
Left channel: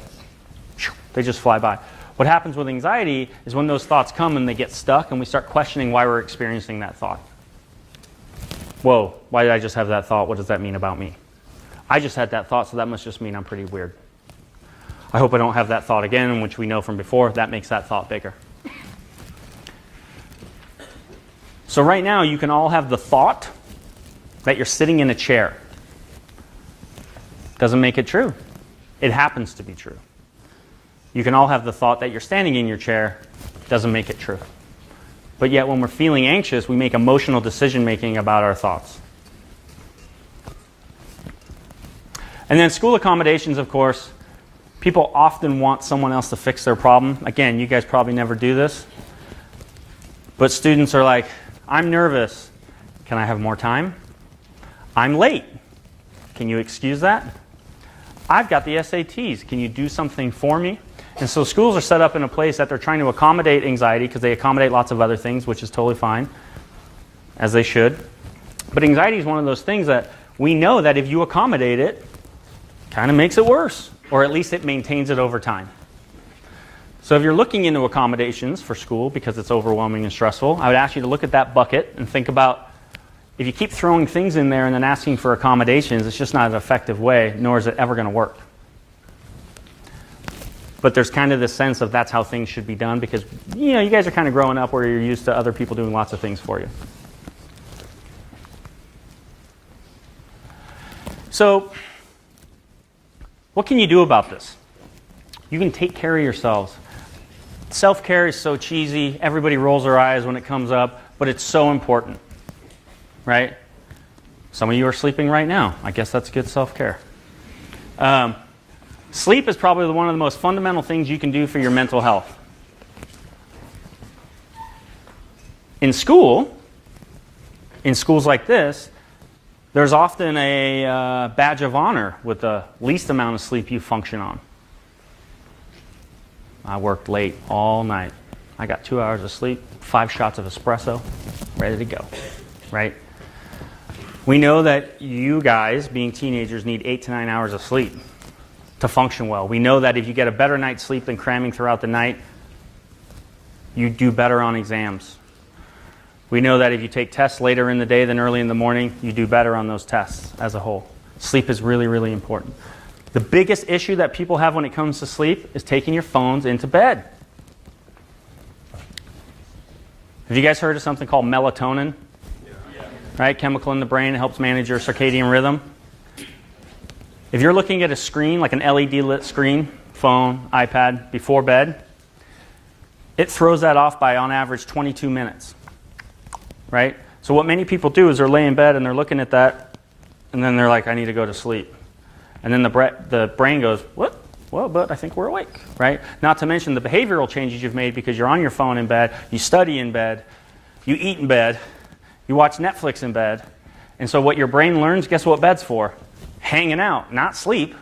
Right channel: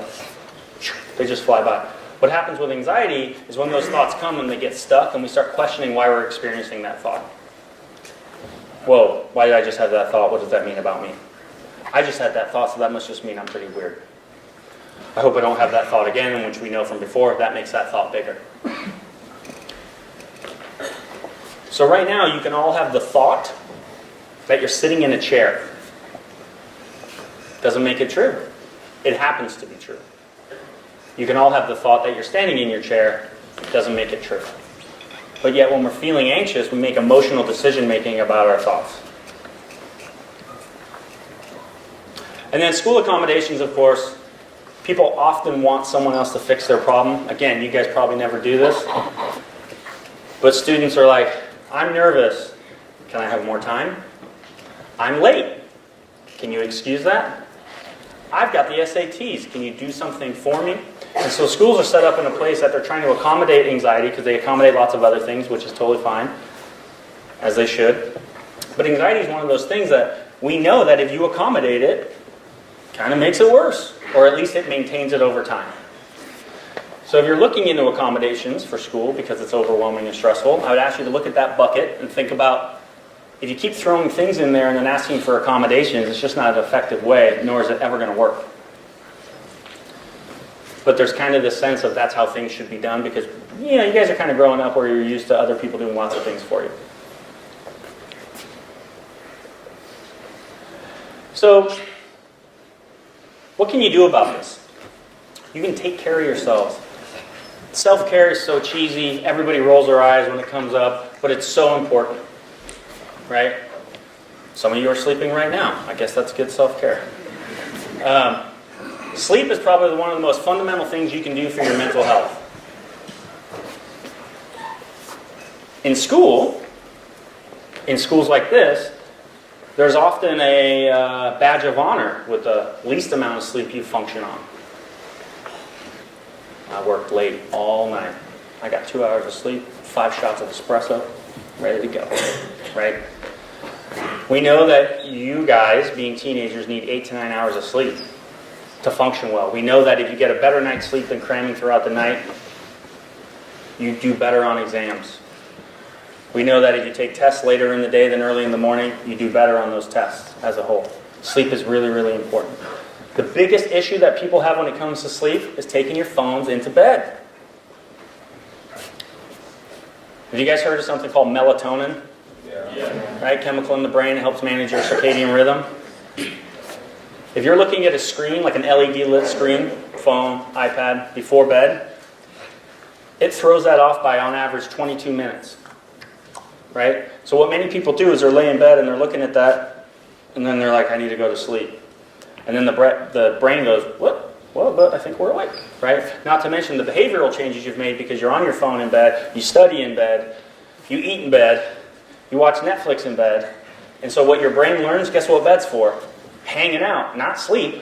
They just fly by. What happens with anxiety is when those thoughts come and they get stuck and we start questioning why we're experiencing that thought. Whoa, why did I just have that thought? What does that mean about me? I just had that thought, so that must just mean I'm pretty weird. I hope I don't have that thought again, which we know from before, that makes that thought bigger. So right now, you can all have the thought that you're sitting in a chair. Doesn't make it true. It happens to be true. You can all have the thought that you're standing in your chair. Doesn't make it true. But yet when we're feeling anxious, we make emotional decision-making about our thoughts. And then school accommodations, of course, people often want someone else to fix their problem. Again, you guys probably never do this. But students are like, I'm nervous. Can I have more time? I'm late. Can you excuse that? I've got the SATs. Can you do something for me? And so schools are set up in a place that they're trying to accommodate anxiety because they accommodate lots of other things, which is totally fine, as they should. But anxiety is one of those things that we know that if you accommodate it, kind of makes it worse, or at least it maintains it over time. So if you're looking into accommodations for school because it's overwhelming and stressful, I would ask you to look at that bucket and think about if you keep throwing things in there and then asking for accommodations, it's just not an effective way, nor is it ever going to work. But there's kind of this sense of that's how things should be done because, you guys are kind of growing up where you're used to other people doing lots of things for you. So, what can you do about this? You can take care of yourselves. Self-care is so cheesy. Everybody rolls their eyes when it comes up, but it's so important, right? Some of you are sleeping right now. I guess that's good self-care. Sleep is probably one of the most fundamental things you can do for your mental health. In schools like this, there's often a badge of honor with the least amount of sleep you function on. I worked late all night. I got 2 hours of sleep, 5 shots of espresso, ready to go, right? We know that you guys, being teenagers, need 8 to 9 hours of sleep to function well. We know that if you get a better night's sleep than cramming throughout the night, you do better on exams. We know that if you take tests later in the day than early in the morning, you do better on those tests as a whole. Sleep is really, really important. The biggest issue that people have when it comes to sleep is taking your phones into bed. Have you guys heard of something called melatonin? Yeah. Right? Chemical in the brain, helps manage your circadian rhythm. If you're looking at a screen, like an LED lit screen, phone, iPad, before bed, it throws that off by, on average, 22 minutes. Right? So what many people do is they're laying in bed and they're looking at that, and then they're like, I need to go to sleep. And then the brain goes, what? Well, but I think we're awake. Right? Not to mention the behavioral changes you've made because you're on your phone in bed, you study in bed, you eat in bed, you watch Netflix in bed. And so what your brain learns, guess what bed's for? Hanging out, not sleep.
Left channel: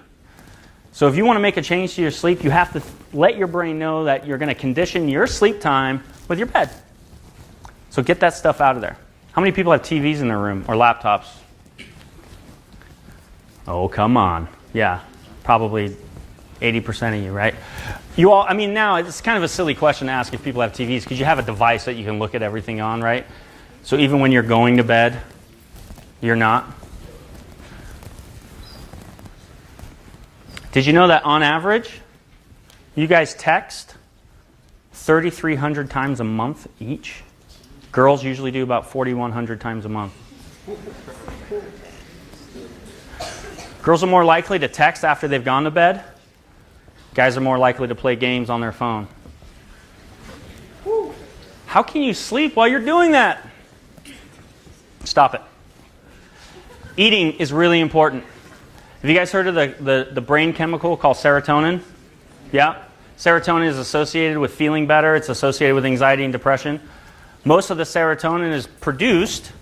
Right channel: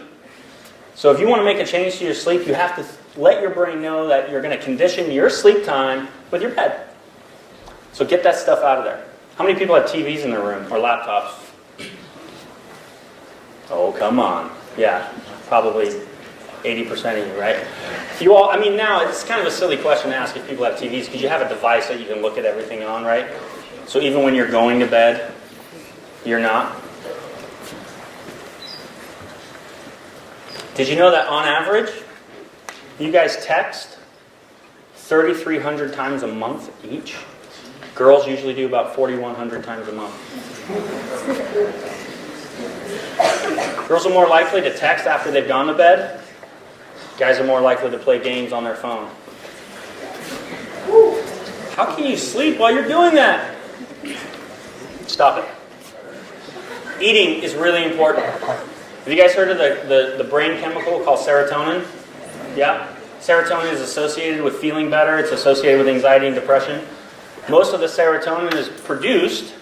So if you want to make a change to your sleep, you have to let your brain know that you're going to condition your sleep time with your bed. So get that stuff out of there. How many people have TVs in their room or laptops? Oh, come on. Yeah, probably 80% of you, right? You all, now it's kind of a silly question to ask if people have TVs because you have a device that you can look at everything on, right? So even when you're going to bed, you're not. Did you know that on average, you guys text 3,300 times a month each? Girls usually do about 4,100 times a month. Girls are more likely to text after they've gone to bed. Guys are more likely to play games on their phone. How can you sleep while you're doing that? Stop it. Eating is really important. Have you guys heard of the brain chemical called serotonin? Yeah? Serotonin is associated with feeling better. It's associated with anxiety and depression. Most of the serotonin is produced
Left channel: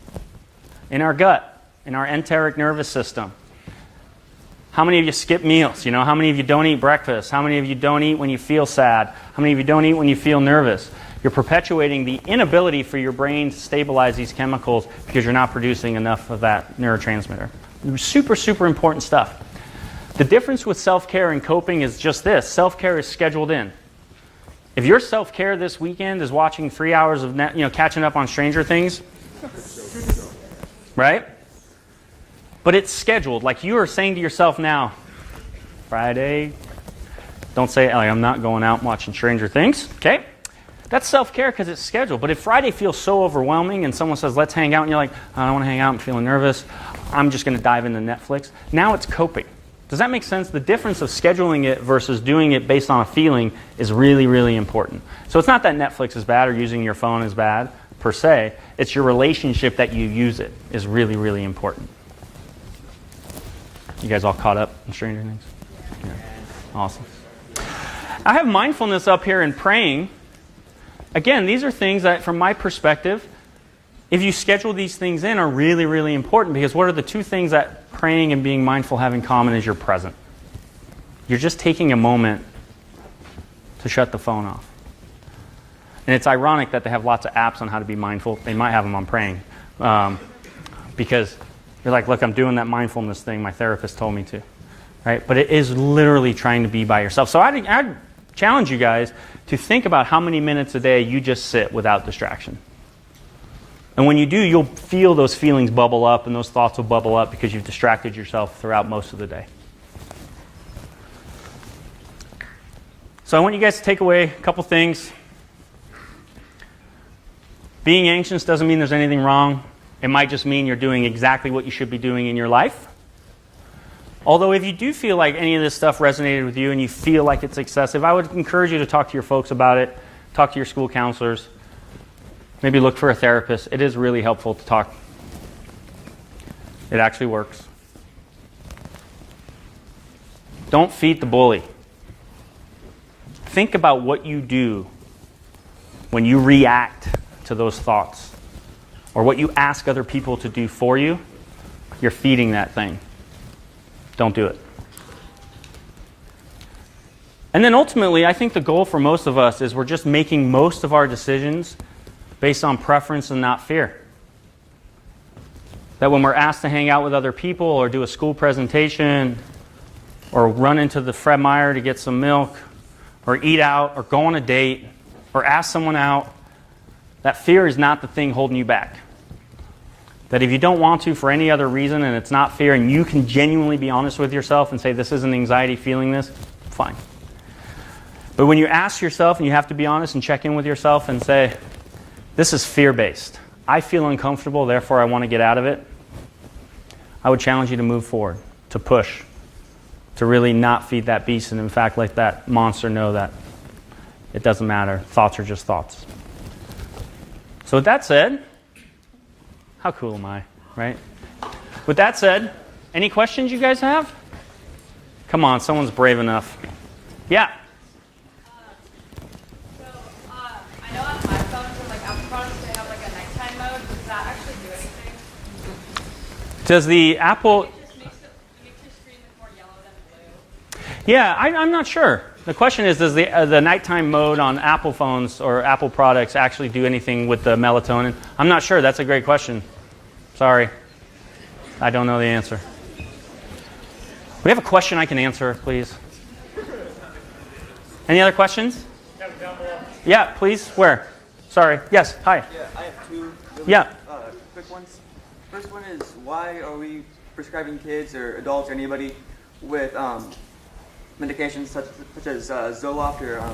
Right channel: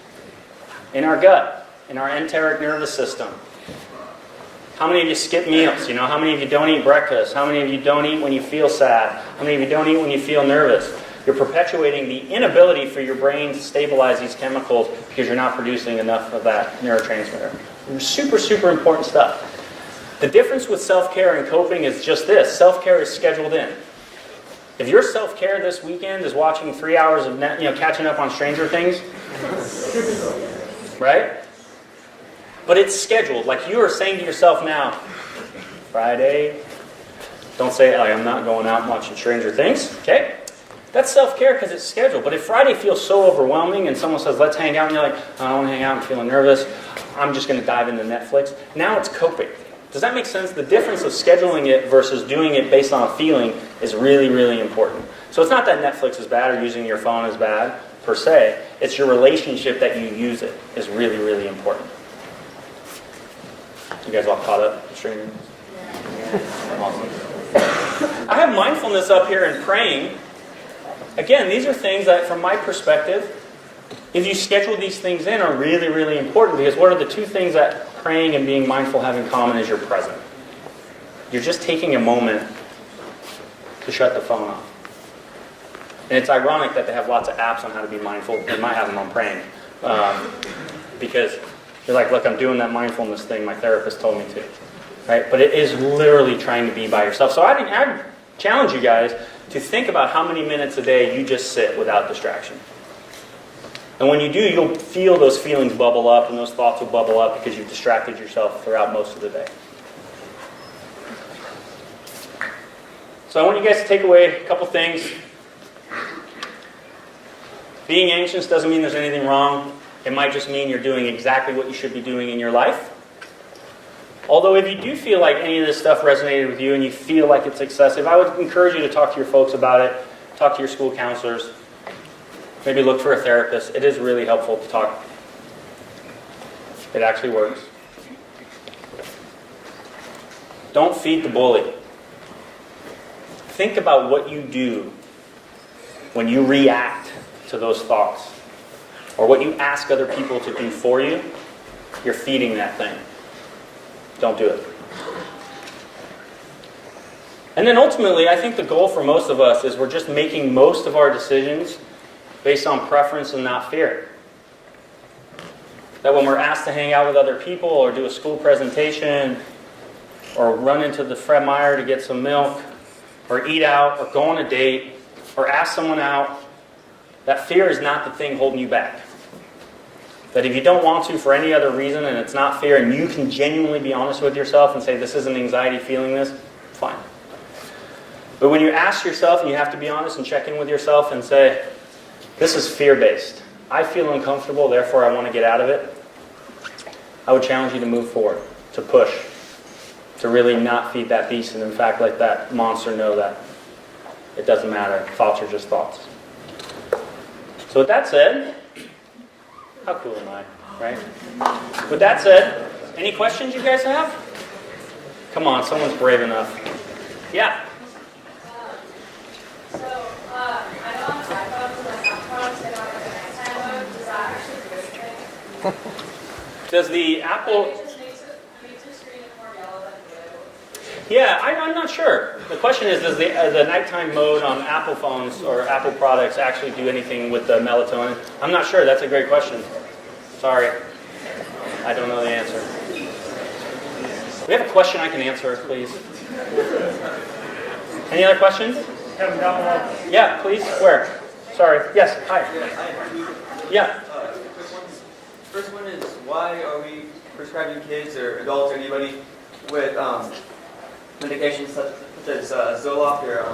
in our gut, in our enteric nervous system. How many of you skip meals? You know, how many of you don't eat breakfast? How many of you don't eat when you feel sad? How many of you don't eat when you feel nervous? You're perpetuating the inability for your brain to stabilize these chemicals because you're not producing enough of that neurotransmitter. Super, super important stuff. The difference with self-care and coping is just this. Self-care is scheduled in. If your self-care this weekend is watching 3 hours of catching up on Stranger Things, right? But it's scheduled. Like you are saying to yourself now, Friday, don't say, I'm not going out and watching Stranger Things. Okay? That's self-care because it's scheduled. But if Friday feels so overwhelming and someone says, let's hang out, and you're like, I don't want to hang out, I'm feeling nervous, I'm just going to dive into Netflix. Now it's coping. Does that make sense? The difference of scheduling it versus doing it based on a feeling is really, really important. So it's not that Netflix is bad or using your phone is bad, per se. It's your relationship that you use it is really, really important. You guys all caught up in Stranger Things? Awesome. I have mindfulness up here and praying. Again, these are things that, from my perspective, if you schedule these things in, are really, really important. Because what are the two things that praying and being mindful have in common is you're present. You're just taking a moment to shut the phone off. And it's ironic that they have lots of apps on how to be mindful. They might have them on praying. Because you're like, look, I'm doing that mindfulness thing my therapist told me to. Right? But it is literally trying to be by yourself. So I challenge you guys to think about how many minutes a day you just sit without distraction. And when you do, you'll feel those feelings bubble up and those thoughts will bubble up because you've distracted yourself throughout most of the day. So I want you guys to take away a couple things. Being anxious doesn't mean there's anything wrong. It might just mean you're doing exactly what you should be doing in your life. Although if you do feel like any of this stuff resonated with you and you feel like it's excessive, I would encourage you to talk to your folks about it, talk to your school counselors, maybe look for a therapist. It is really helpful to talk. It actually works. Don't feed the bully. Think about what you do when you react to those thoughts, or what you ask other people to do for you. You're feeding that thing. Don't do it. And then ultimately, I think the goal for most of us is we're just making most of our decisions based on preference and not fear. That when we're asked to hang out with other people or do a school presentation or run into the Fred Meyer to get some milk or eat out or go on a date or ask someone out, that fear is not the thing holding you back. That if you don't want to for any other reason and it's not fear and you can genuinely be honest with yourself and say, this isn't anxiety feeling this, fine. But when you ask yourself and you have to be honest and check in with yourself and say, this is fear-based. I feel uncomfortable, therefore I want to get out of it. I would challenge you to move forward, to push, to really not feed that beast and in fact let that monster know that it doesn't matter. Thoughts are just thoughts. So with that said, how cool am I, right? With that said, any questions you guys have? Come on, someone's brave enough. Yeah. I know on iPhones, like Apple products, they have like a nighttime mode. Does that actually do anything? Does the Apple... It just makes the screen look more yellow than blue. Yeah, I'm not sure. The question is, does the nighttime mode on Apple phones or Apple products actually do anything with the melatonin? I'm not sure. That's a great question. Sorry. I don't know the answer. We have a question I can answer, please. Any other questions? Yeah, please. Where? Sorry. Yes. Hi. Yeah. Quick ones. First one is, why are we prescribing kids or adults or anybody with medications such as Zoloft or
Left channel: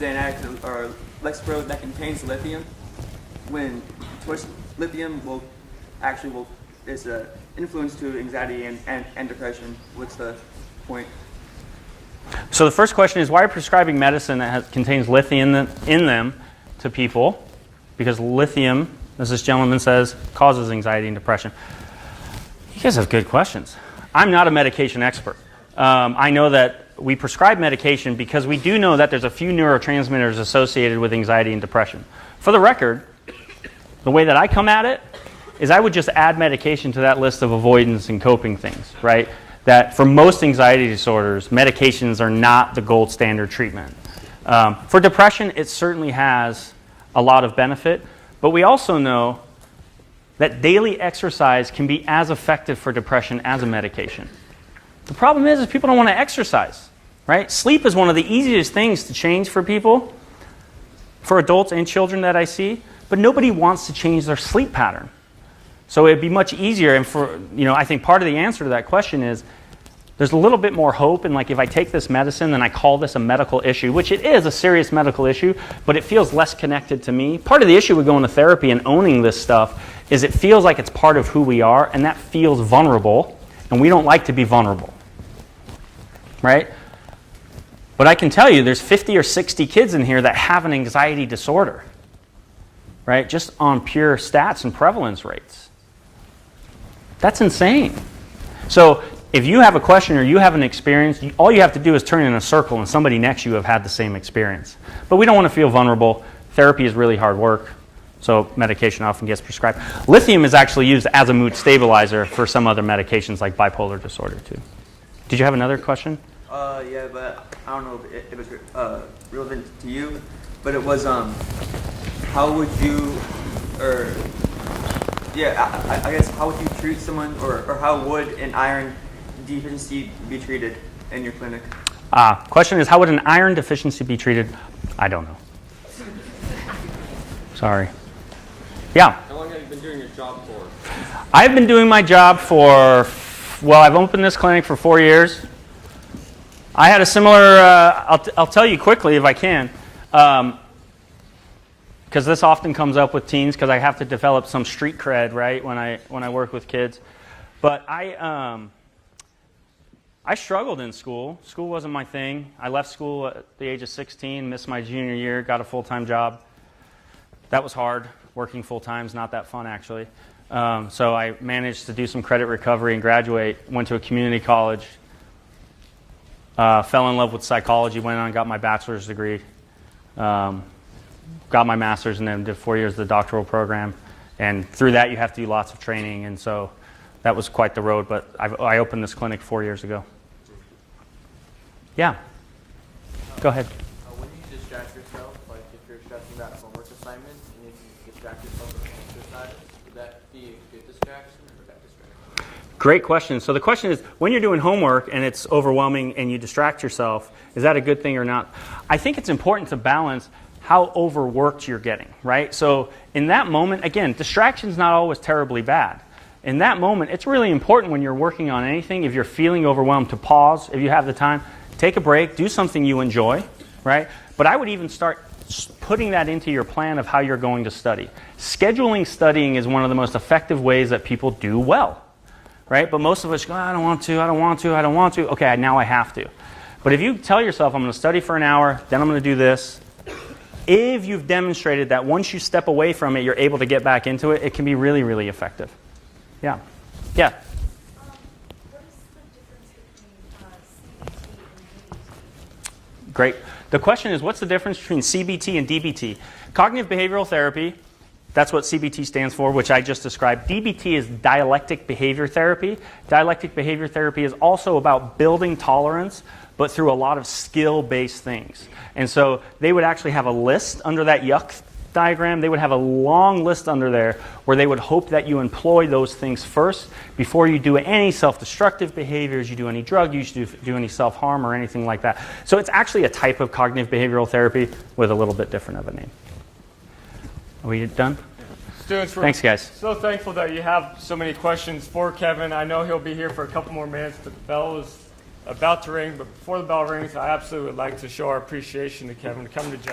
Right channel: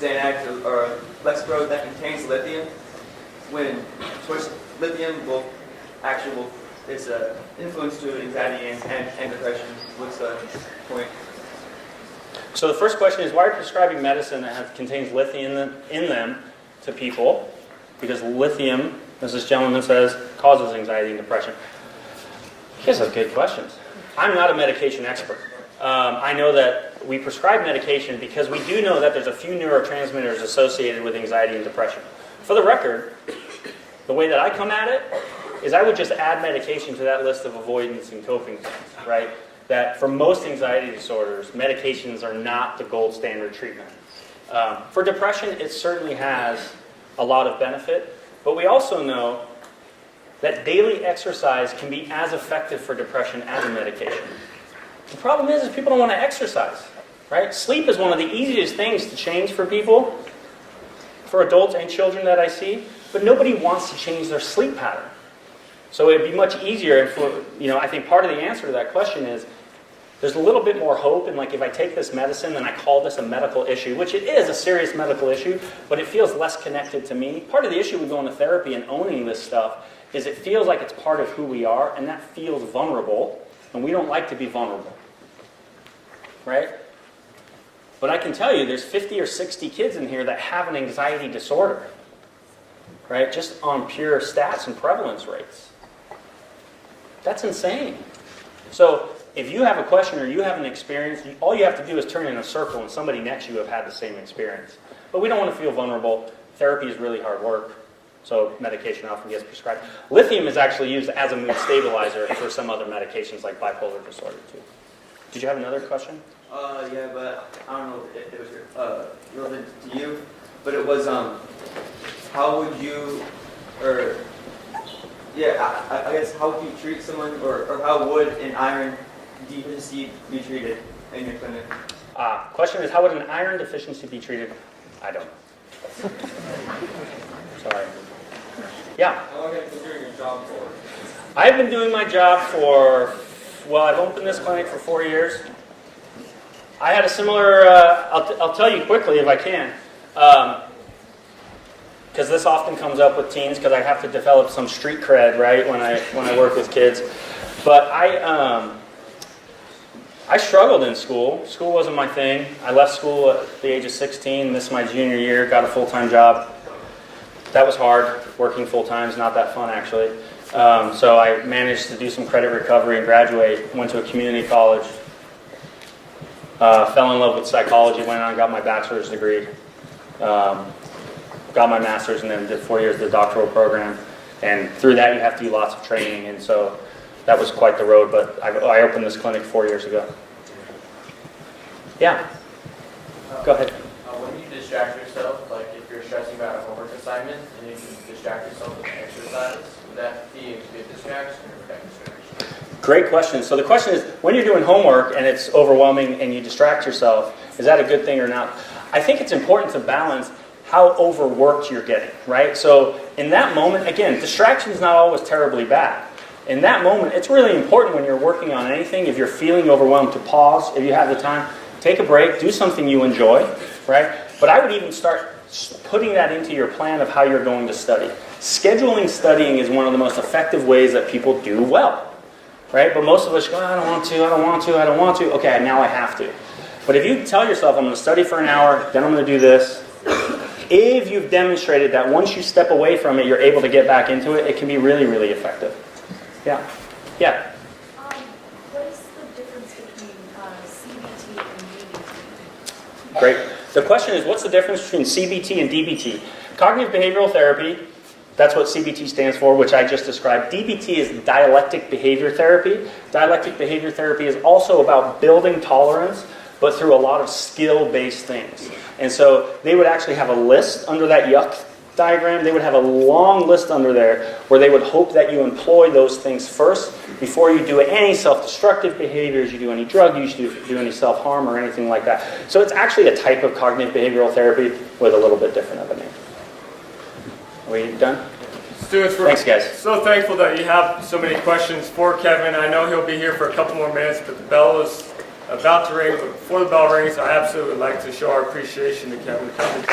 Xanax or Lexapro that contains lithium, when lithium is an influence to anxiety and depression? What's the point? So the first question is, why are you prescribing medicine that contains lithium in them to people? Because lithium as this gentleman says, causes anxiety and depression? You guys have good questions. I'm not a medication expert. I know that we prescribe medication because we do know that there's a few neurotransmitters associated with anxiety and depression. For the record, the way that I come at it is I would just add medication to that list of avoidance and coping things, right? That for most anxiety disorders, medications are not the gold standard treatment. For depression, it certainly has a lot of benefit, but we also know that daily exercise can be as effective for depression as a medication. The problem is people don't want to exercise, right? Sleep is one of the easiest things to change for people, for adults and children that I see, but nobody wants to change their sleep pattern. So it'd be much easier, and for, I think part of the answer to that question is there's a little bit more hope, and like if I take this medicine and I call this a medical issue, which it is a serious medical issue, but it feels less connected to me. Part of the issue with going to therapy and owning this stuff is it feels like it's part of who we are, and that feels vulnerable, and we don't like to be vulnerable, right? But I can tell you there's 50 or 60 kids in here that have an anxiety disorder, right? Just on pure stats and prevalence rates. That's insane. So if you have a question or you have an experience, all you have to do is turn in a circle and somebody next to you have had the same experience. But we don't want to feel vulnerable. Therapy is really hard work, so medication often gets prescribed. Lithium is actually used as a mood stabilizer for some other medications like bipolar disorder too. Did you have another question? Yeah, but I don't know if it was relevant to you, but it was how would you, or yeah, I guess how would you treat someone, or how would an iron deficiency be treated in your clinic? Question is, how would an iron deficiency be treated? I don't know. Sorry. Yeah? How long have you been doing your job for? I've been doing my job for, I've opened this clinic for 4 years. I had a similar, I'll tell you quickly if I can, because this often comes up with teens because I have to develop some street cred, right, when I work with kids. But I struggled in school. School wasn't my thing. I left school at the age of 16. This is my junior year. Got a full-time job. That was hard. Working full-time is not that fun, actually. So I managed to do some credit recovery and graduate. Went to a community college. Fell in love with psychology. Went on and got my bachelor's degree. Got my master's and then did 4 years of the doctoral program. And through that, you have to do lots of training. And so that was quite the road. But I opened this clinic 4 years ago. Yeah. Go ahead. When you distract yourself, like if you're stressing about a homework assignment and you can distract yourself with exercise, would that be a good distraction or a bad distraction? Great question. So the question is, when you're doing homework and it's overwhelming and you distract yourself, is that a good thing or not? I think it's important to balance how overworked you're getting, right? So in that moment, again, distraction is not always terribly bad. In that moment, it's really important when you're working on anything, if you're feeling overwhelmed, to pause, if you have the time, take a break, do something you enjoy, right? But I would even start putting that into your plan of how you're going to study. Scheduling studying is one of the most effective ways that people do well, right? But most of us go, I don't want to. Okay, now I have to. But if you tell yourself, I'm going to study for an hour, then I'm going to do this, if you've demonstrated that once you step away from it, you're able to get back into it, it can be really, really effective. Yeah. Yeah. What is the difference between CBT and DBT? Great. The question is, what's the difference between CBT and DBT? Cognitive behavioral therapy, that's what CBT stands for, which I just described. DBT is dialectic behavior therapy. Dialectic behavior therapy is also about building tolerance, but through a lot of skill-based things. And so they would actually have a list under that yuck diagram. They would have a long list under there where they would hope that you employ those things first before you do any self-destructive behaviors, you do any drug use, you do any self-harm or anything like that. So it's actually a type of cognitive behavioral therapy with a little bit different of a name. Are we done? Students, Thanks, guys. So thankful that you have so many questions for Kevin. I know he'll be here for a couple more minutes, but the bell is about to ring. But before the bell rings, I absolutely would like to show our appreciation to Kevin coming.